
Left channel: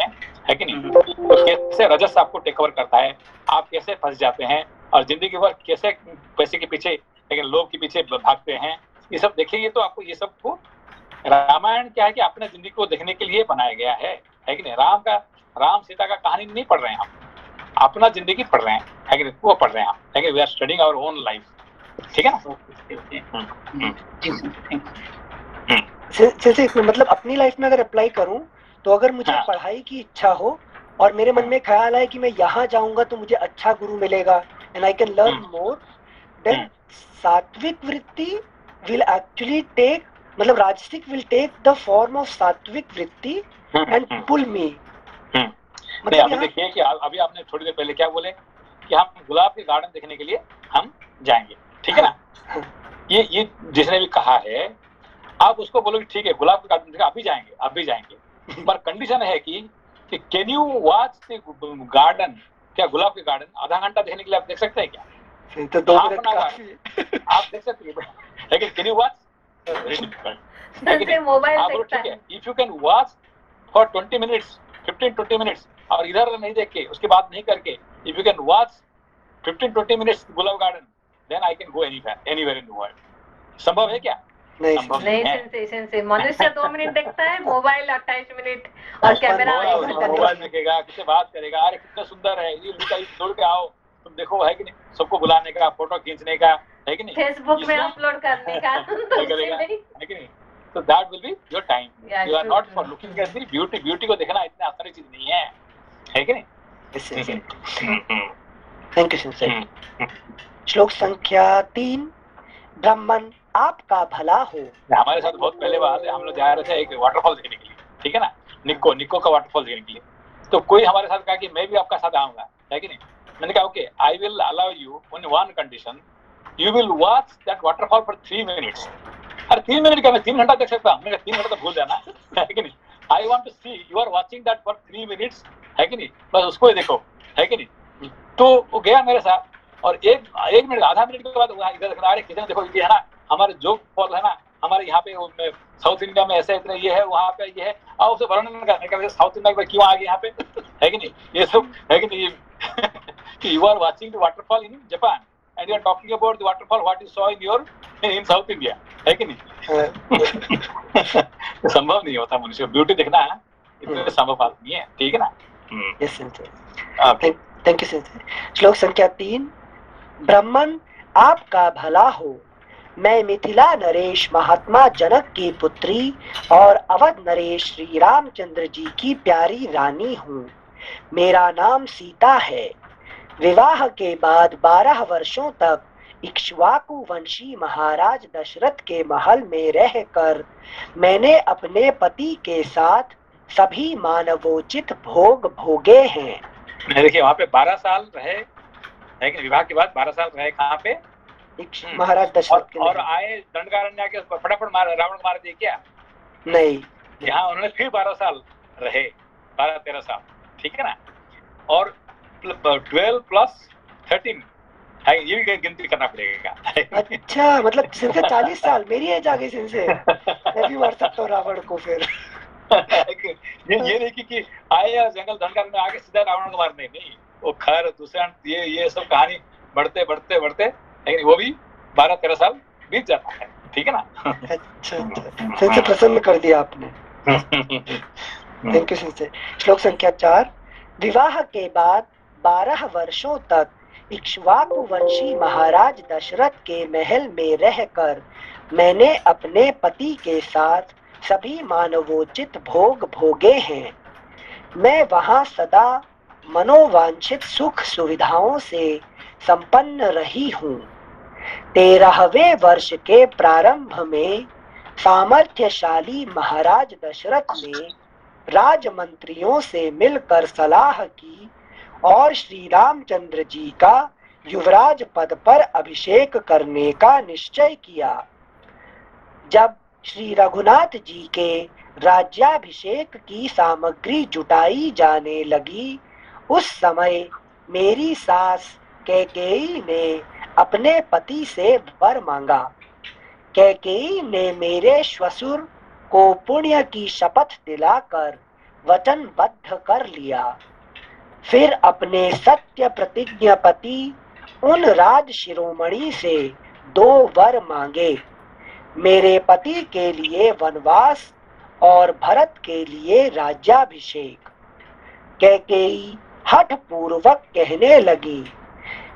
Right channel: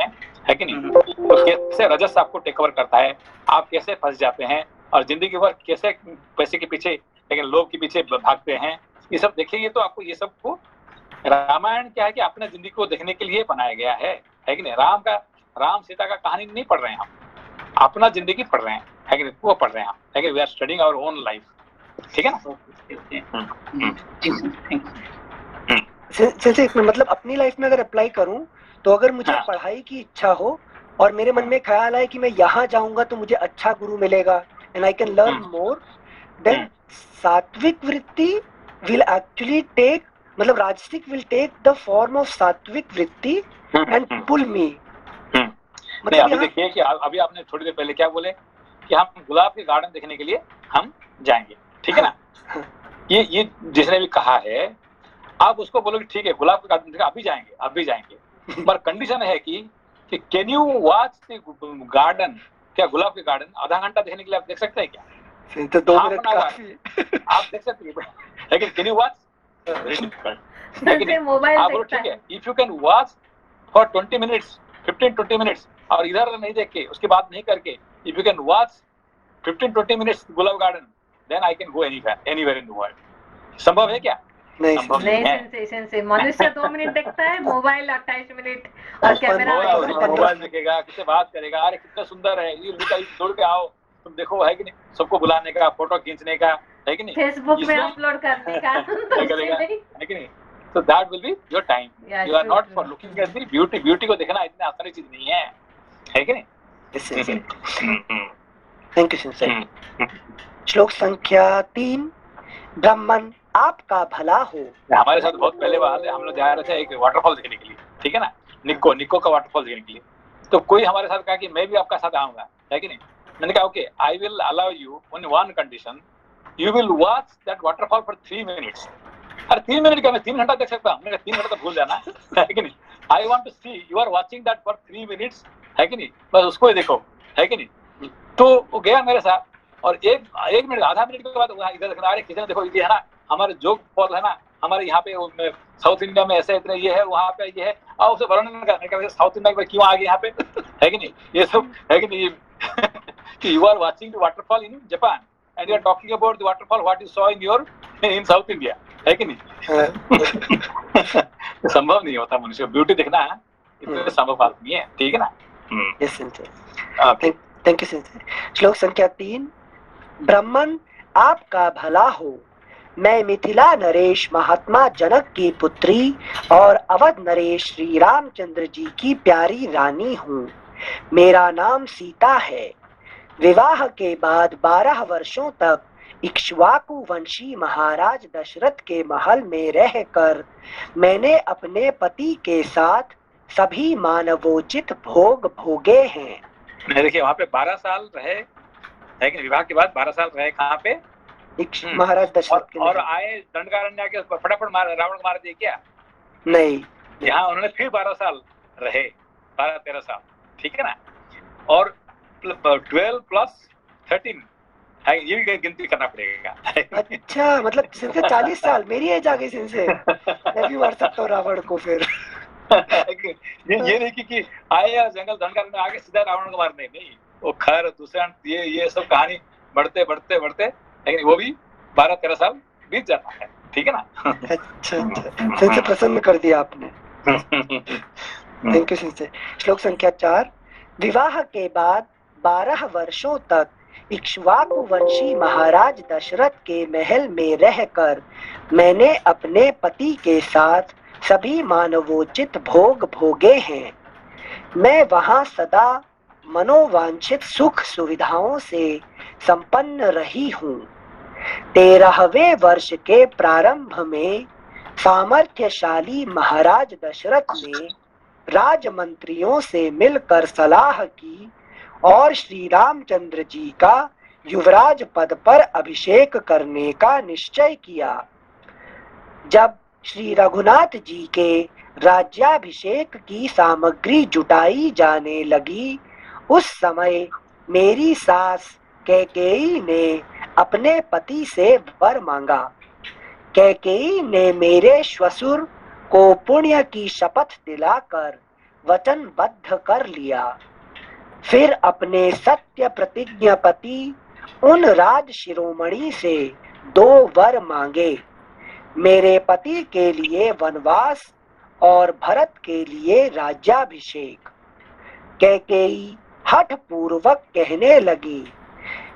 है कि नहीं? तो कैसे रजस आपको टेक ओवर करता है, आप कैसे फंस जाते हैं और जिंदगी भर कैसे पैसे के पीछे, लेकिन लोग के पीछे भागते हैं, ये सब देखेंगे तो आपको ये सब को, रामायण क्या है कि अपने जिंदगी को देखने के लिए बनाया गया है कि नहीं? राम सीता का कहानी नहीं पढ़ रहे हैं हम, अपना जिंदगी पढ़ रहे हैं, है कि नहीं? वो पढ़ रहे हैं हम, है कि we are studying our own life, ठीक है ना? मतलब अपनी लाइफ में अगर अप्लाई करूं तो अगर मुझे पढ़ाई की इच्छा हो और मेरे मन में ख्याल आए कि मैं यहाँ जाऊंगा तो मुझे अच्छा गुरु मिलेगा and I can learn more, then सात्विक वृत्ति will actually take, मतलब राजसिक will take the form of सात्विक वृत्ति and pull me नहीं, अभी देखिए कि अभी आपने थोड़ी देर पहले क्या बोले कि हम गुलाब के गार्डन देखने के लिए हम जाएंगे, ठीक है ना। ये जिसने भी कहा है, आप उसको बोलो कि ठीक है गुलाब के गार्डन देखने आप भी जाएंगे, पर कंडीशन है कि can you watch the garden, क्या गुलाब के गार्डन आधा घंटा देखने के लिए आप देख सकते हैं क्या? तो 2 Half मिनट an hour काफी। आप देख सकते हैं, लेकिन कैन यू वॉच? से मोबाइल आप बोलो देखता ठीक है। है, if you can watch for 20 minutes 15-20 minutes और इधर नहीं देख के उसके बाद नहीं करके, if you can watch 15-20 minutes गुलाब garden, then I can go anywhere in the world. संभव है क्या? नहीं संभव नहीं है। सेंसे से मनुष्य 2 मिनट देखता है, मोबाइल 28 मिनट और कैमरा मोबाइल 1 घंटा मोबाइल देखता है। देखेगा, किससे बात करेगा, अरे कितना सुंदर है ये, दौड़ के आओ तुम देखो, है कि नहीं, सबको बुलाने का, फोटो खींचने का, है कि नहीं, फेसबुक में इसमें अपलोड करने का तो उससे करेगा, नहीं। है कि नहीं। So that will be your time. Yeah, You are true, not true. for looking at the beauty. Beauty को देखना इतना आसान चीज नहीं है कि नहीं? Thank you sincere. श्लोक संख्या 3। ब्राह्मण आपका भला हो। हमारे साथ बहुत पहले बात है, हम लोग जा रहे थे एक वाटरफॉल देखने के लिए, ठीक है ना, निक्को का वाटरफॉल देखने के लिए। तो कोई हमारे साथ कहा कि मैं भी आपका साथ आऊंगा, है कि नहीं। मैंने कहा okay, I will allow you on one condition, you will watch that waterfall for 3 minutes. अरे 3 मिनट क्या, मैं 3 घंटा देख सकता हूँ? मैंने कहा 3 घंटा तो भूल जाना, है कि नहीं। I want to see you are watching that for 3 minutes, है कि नहीं, बस उसको ही देखो, है कि नहीं। तो वो गया मेरे साथ, और एक मिनट आधा मिनट के बाद इधर देखना, अरे किधर देखो, ये है ना हमारे जोग फॉल है ना, हमारे यहाँ पे साउथ इंडिया में ऐसे इतने ये है, वहाँ पे ये है, और उसे वर्णन करने का साउथ इंडिया में क्यों आ गए यहाँ पे, है कि नहीं, ये सब, है कि नहीं। You are watching the waterfall in Japan and you are talking about the waterfall what you saw in South India, है कि नहीं। संभव नहीं होता मनुष्य ब्यूटी देखना, इतने संभव बात नहीं है, ठीक है ना। Yes sincere, thank you sincere. श्लोक संख्या 3। ब्राह्मण आपका भला हो। मैं मिथिला नरेश महात्मा जनक की पुत्री और अवध नरेश श्री रामचंद्र जी की प्यारी रानी हूँ। मेरा नाम सीता है। विवाह के बाद 12 वर्षों तक इक्ष्वाकु वंशी महाराज दशरथ के महल में रहकर मैंने अपने पति के साथ सभी मानवोचित भोग भोगे हैं। देखिए वहाँ पे 12 साल रहे, लेकिन विवाह के बाद 12 साल रहे कहाँ पे? महाराज दशरथ के और आए दंडकारण्य के फटाफट रावण मार दिए क्या? नहीं, यहाँ उन्होंने फिर 12 साल रहे, 12-13 साल, ठीक है ना। और 12 + 13 है, ये भी गिनती करना पड़ेगा। अच्छा, मतलब सिर्फ 40 साल मेरी एज आ गई सिंसे, मैं भी मार सकता हूँ रावण को फिर। ये नहीं कि आए या जंगल दंडकारण्य में आगे सीधा रावण को मारने, नहीं, वो खर दूसरा ये सब कहानी बढ़ते लेकिन वो भी 12-13 साल बीत जाता है, ठीक है ना। अच्छा, सिंसे प्रसन्न कर दिया आपने, थैंक यू सिंसे। श्लोक संख्या 4। विवाह के बाद 12 वर्षों तक इक्ष्वाकु वंशी महाराज दशरथ के महल में रहकर मैंने अपने पति के साथ सभी मानवोचित भोग भोगे हैं। मैं वहां सदा मनोवांछित सुख सुविधाओं से संपन्न रही हूँ। 13वें वर्ष के प्रारंभ में सामर्थ्यशाली महाराज दशरथ ने राजमंत्रियों से मिलकर सलाह की और श्री रामचंद्र जी का युवराज पद पर अभिषेक करने का निश्चय किया। जब श्री रघुनाथ जी के राज्याभिषेक की सामग्री जुटाई जाने लगी, उस समय मेरी सास कैकेयी ने अपने पति से वर मांगा। कैकेयी ने मेरे श्वशुर को पुण्य की शपथ दिलाकर वचनबद्ध कर लिया। फिर अपने सत्य प्रतिज्ञा पति उन राज शिरोमणि से 2 वर मांगे, मेरे पति के लिए वनवास और भरत के लिए राज्याभिषेक। कैकेयी हठ पूर्वक कहने लगी,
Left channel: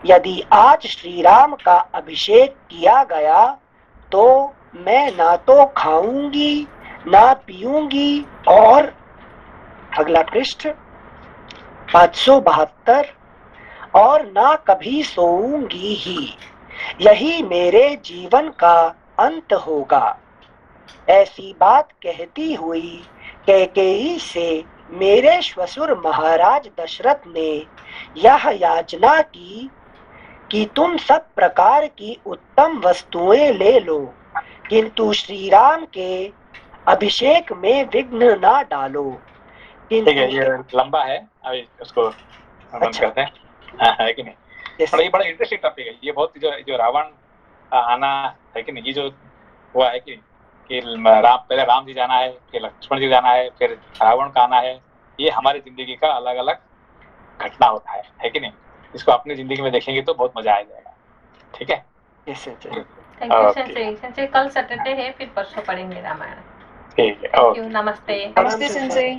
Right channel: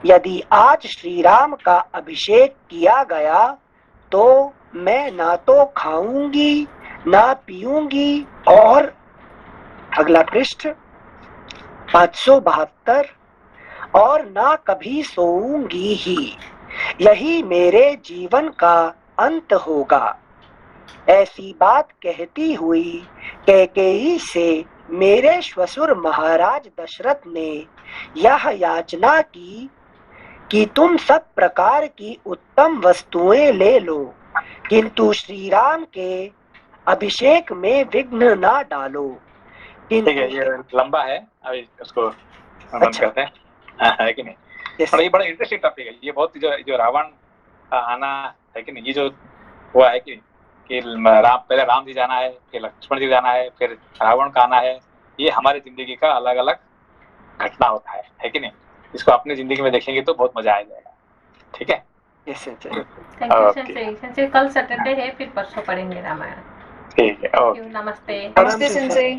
यदि आज श्री राम का अभिषेक किया गया तो मैं ना तो खाऊंगी ना पीऊंगी, और अगला पृष्ठ 572, और ना कभी सोऊंगी ही, यही मेरे जीवन का अंत होगा। ऐसी बात कहती हुई कैकेयी से मेरे श्वशुर महाराज दशरथ ने यह याचना की कि तुम सब प्रकार की उत्तम वस्तुएं ले लो, किंतु श्री राम के अभिषेक में विघ्न ना डालो। ठीक है, ये लंबा है, अभी उसको बंद करते हैं। है कि नहीं? Yes. और ये बड़ा इंटरेस्टिंग टॉपिक है ये, बहुत जो रावण का आना है कि नहीं, ये जो हुआ है कि पहले राम जी जाना है, फिर लक्ष्मण जी जाना है, फिर रावण का आना है, ये हमारी जिंदगी का अलग अलग घटना होता है कि नहीं? इसको अपनी जिंदगी में देखेंगे तो बहुत मजा आ जाएगा। ठीक है, Yes, sir. Thank you Okay. Sensei. Sensei कल सैटरडे है, फिर परसों पढ़ेंगे रामायण। ठीक है, थैंक ओके। यू, नमस्ते। नमस्ते सेंसे।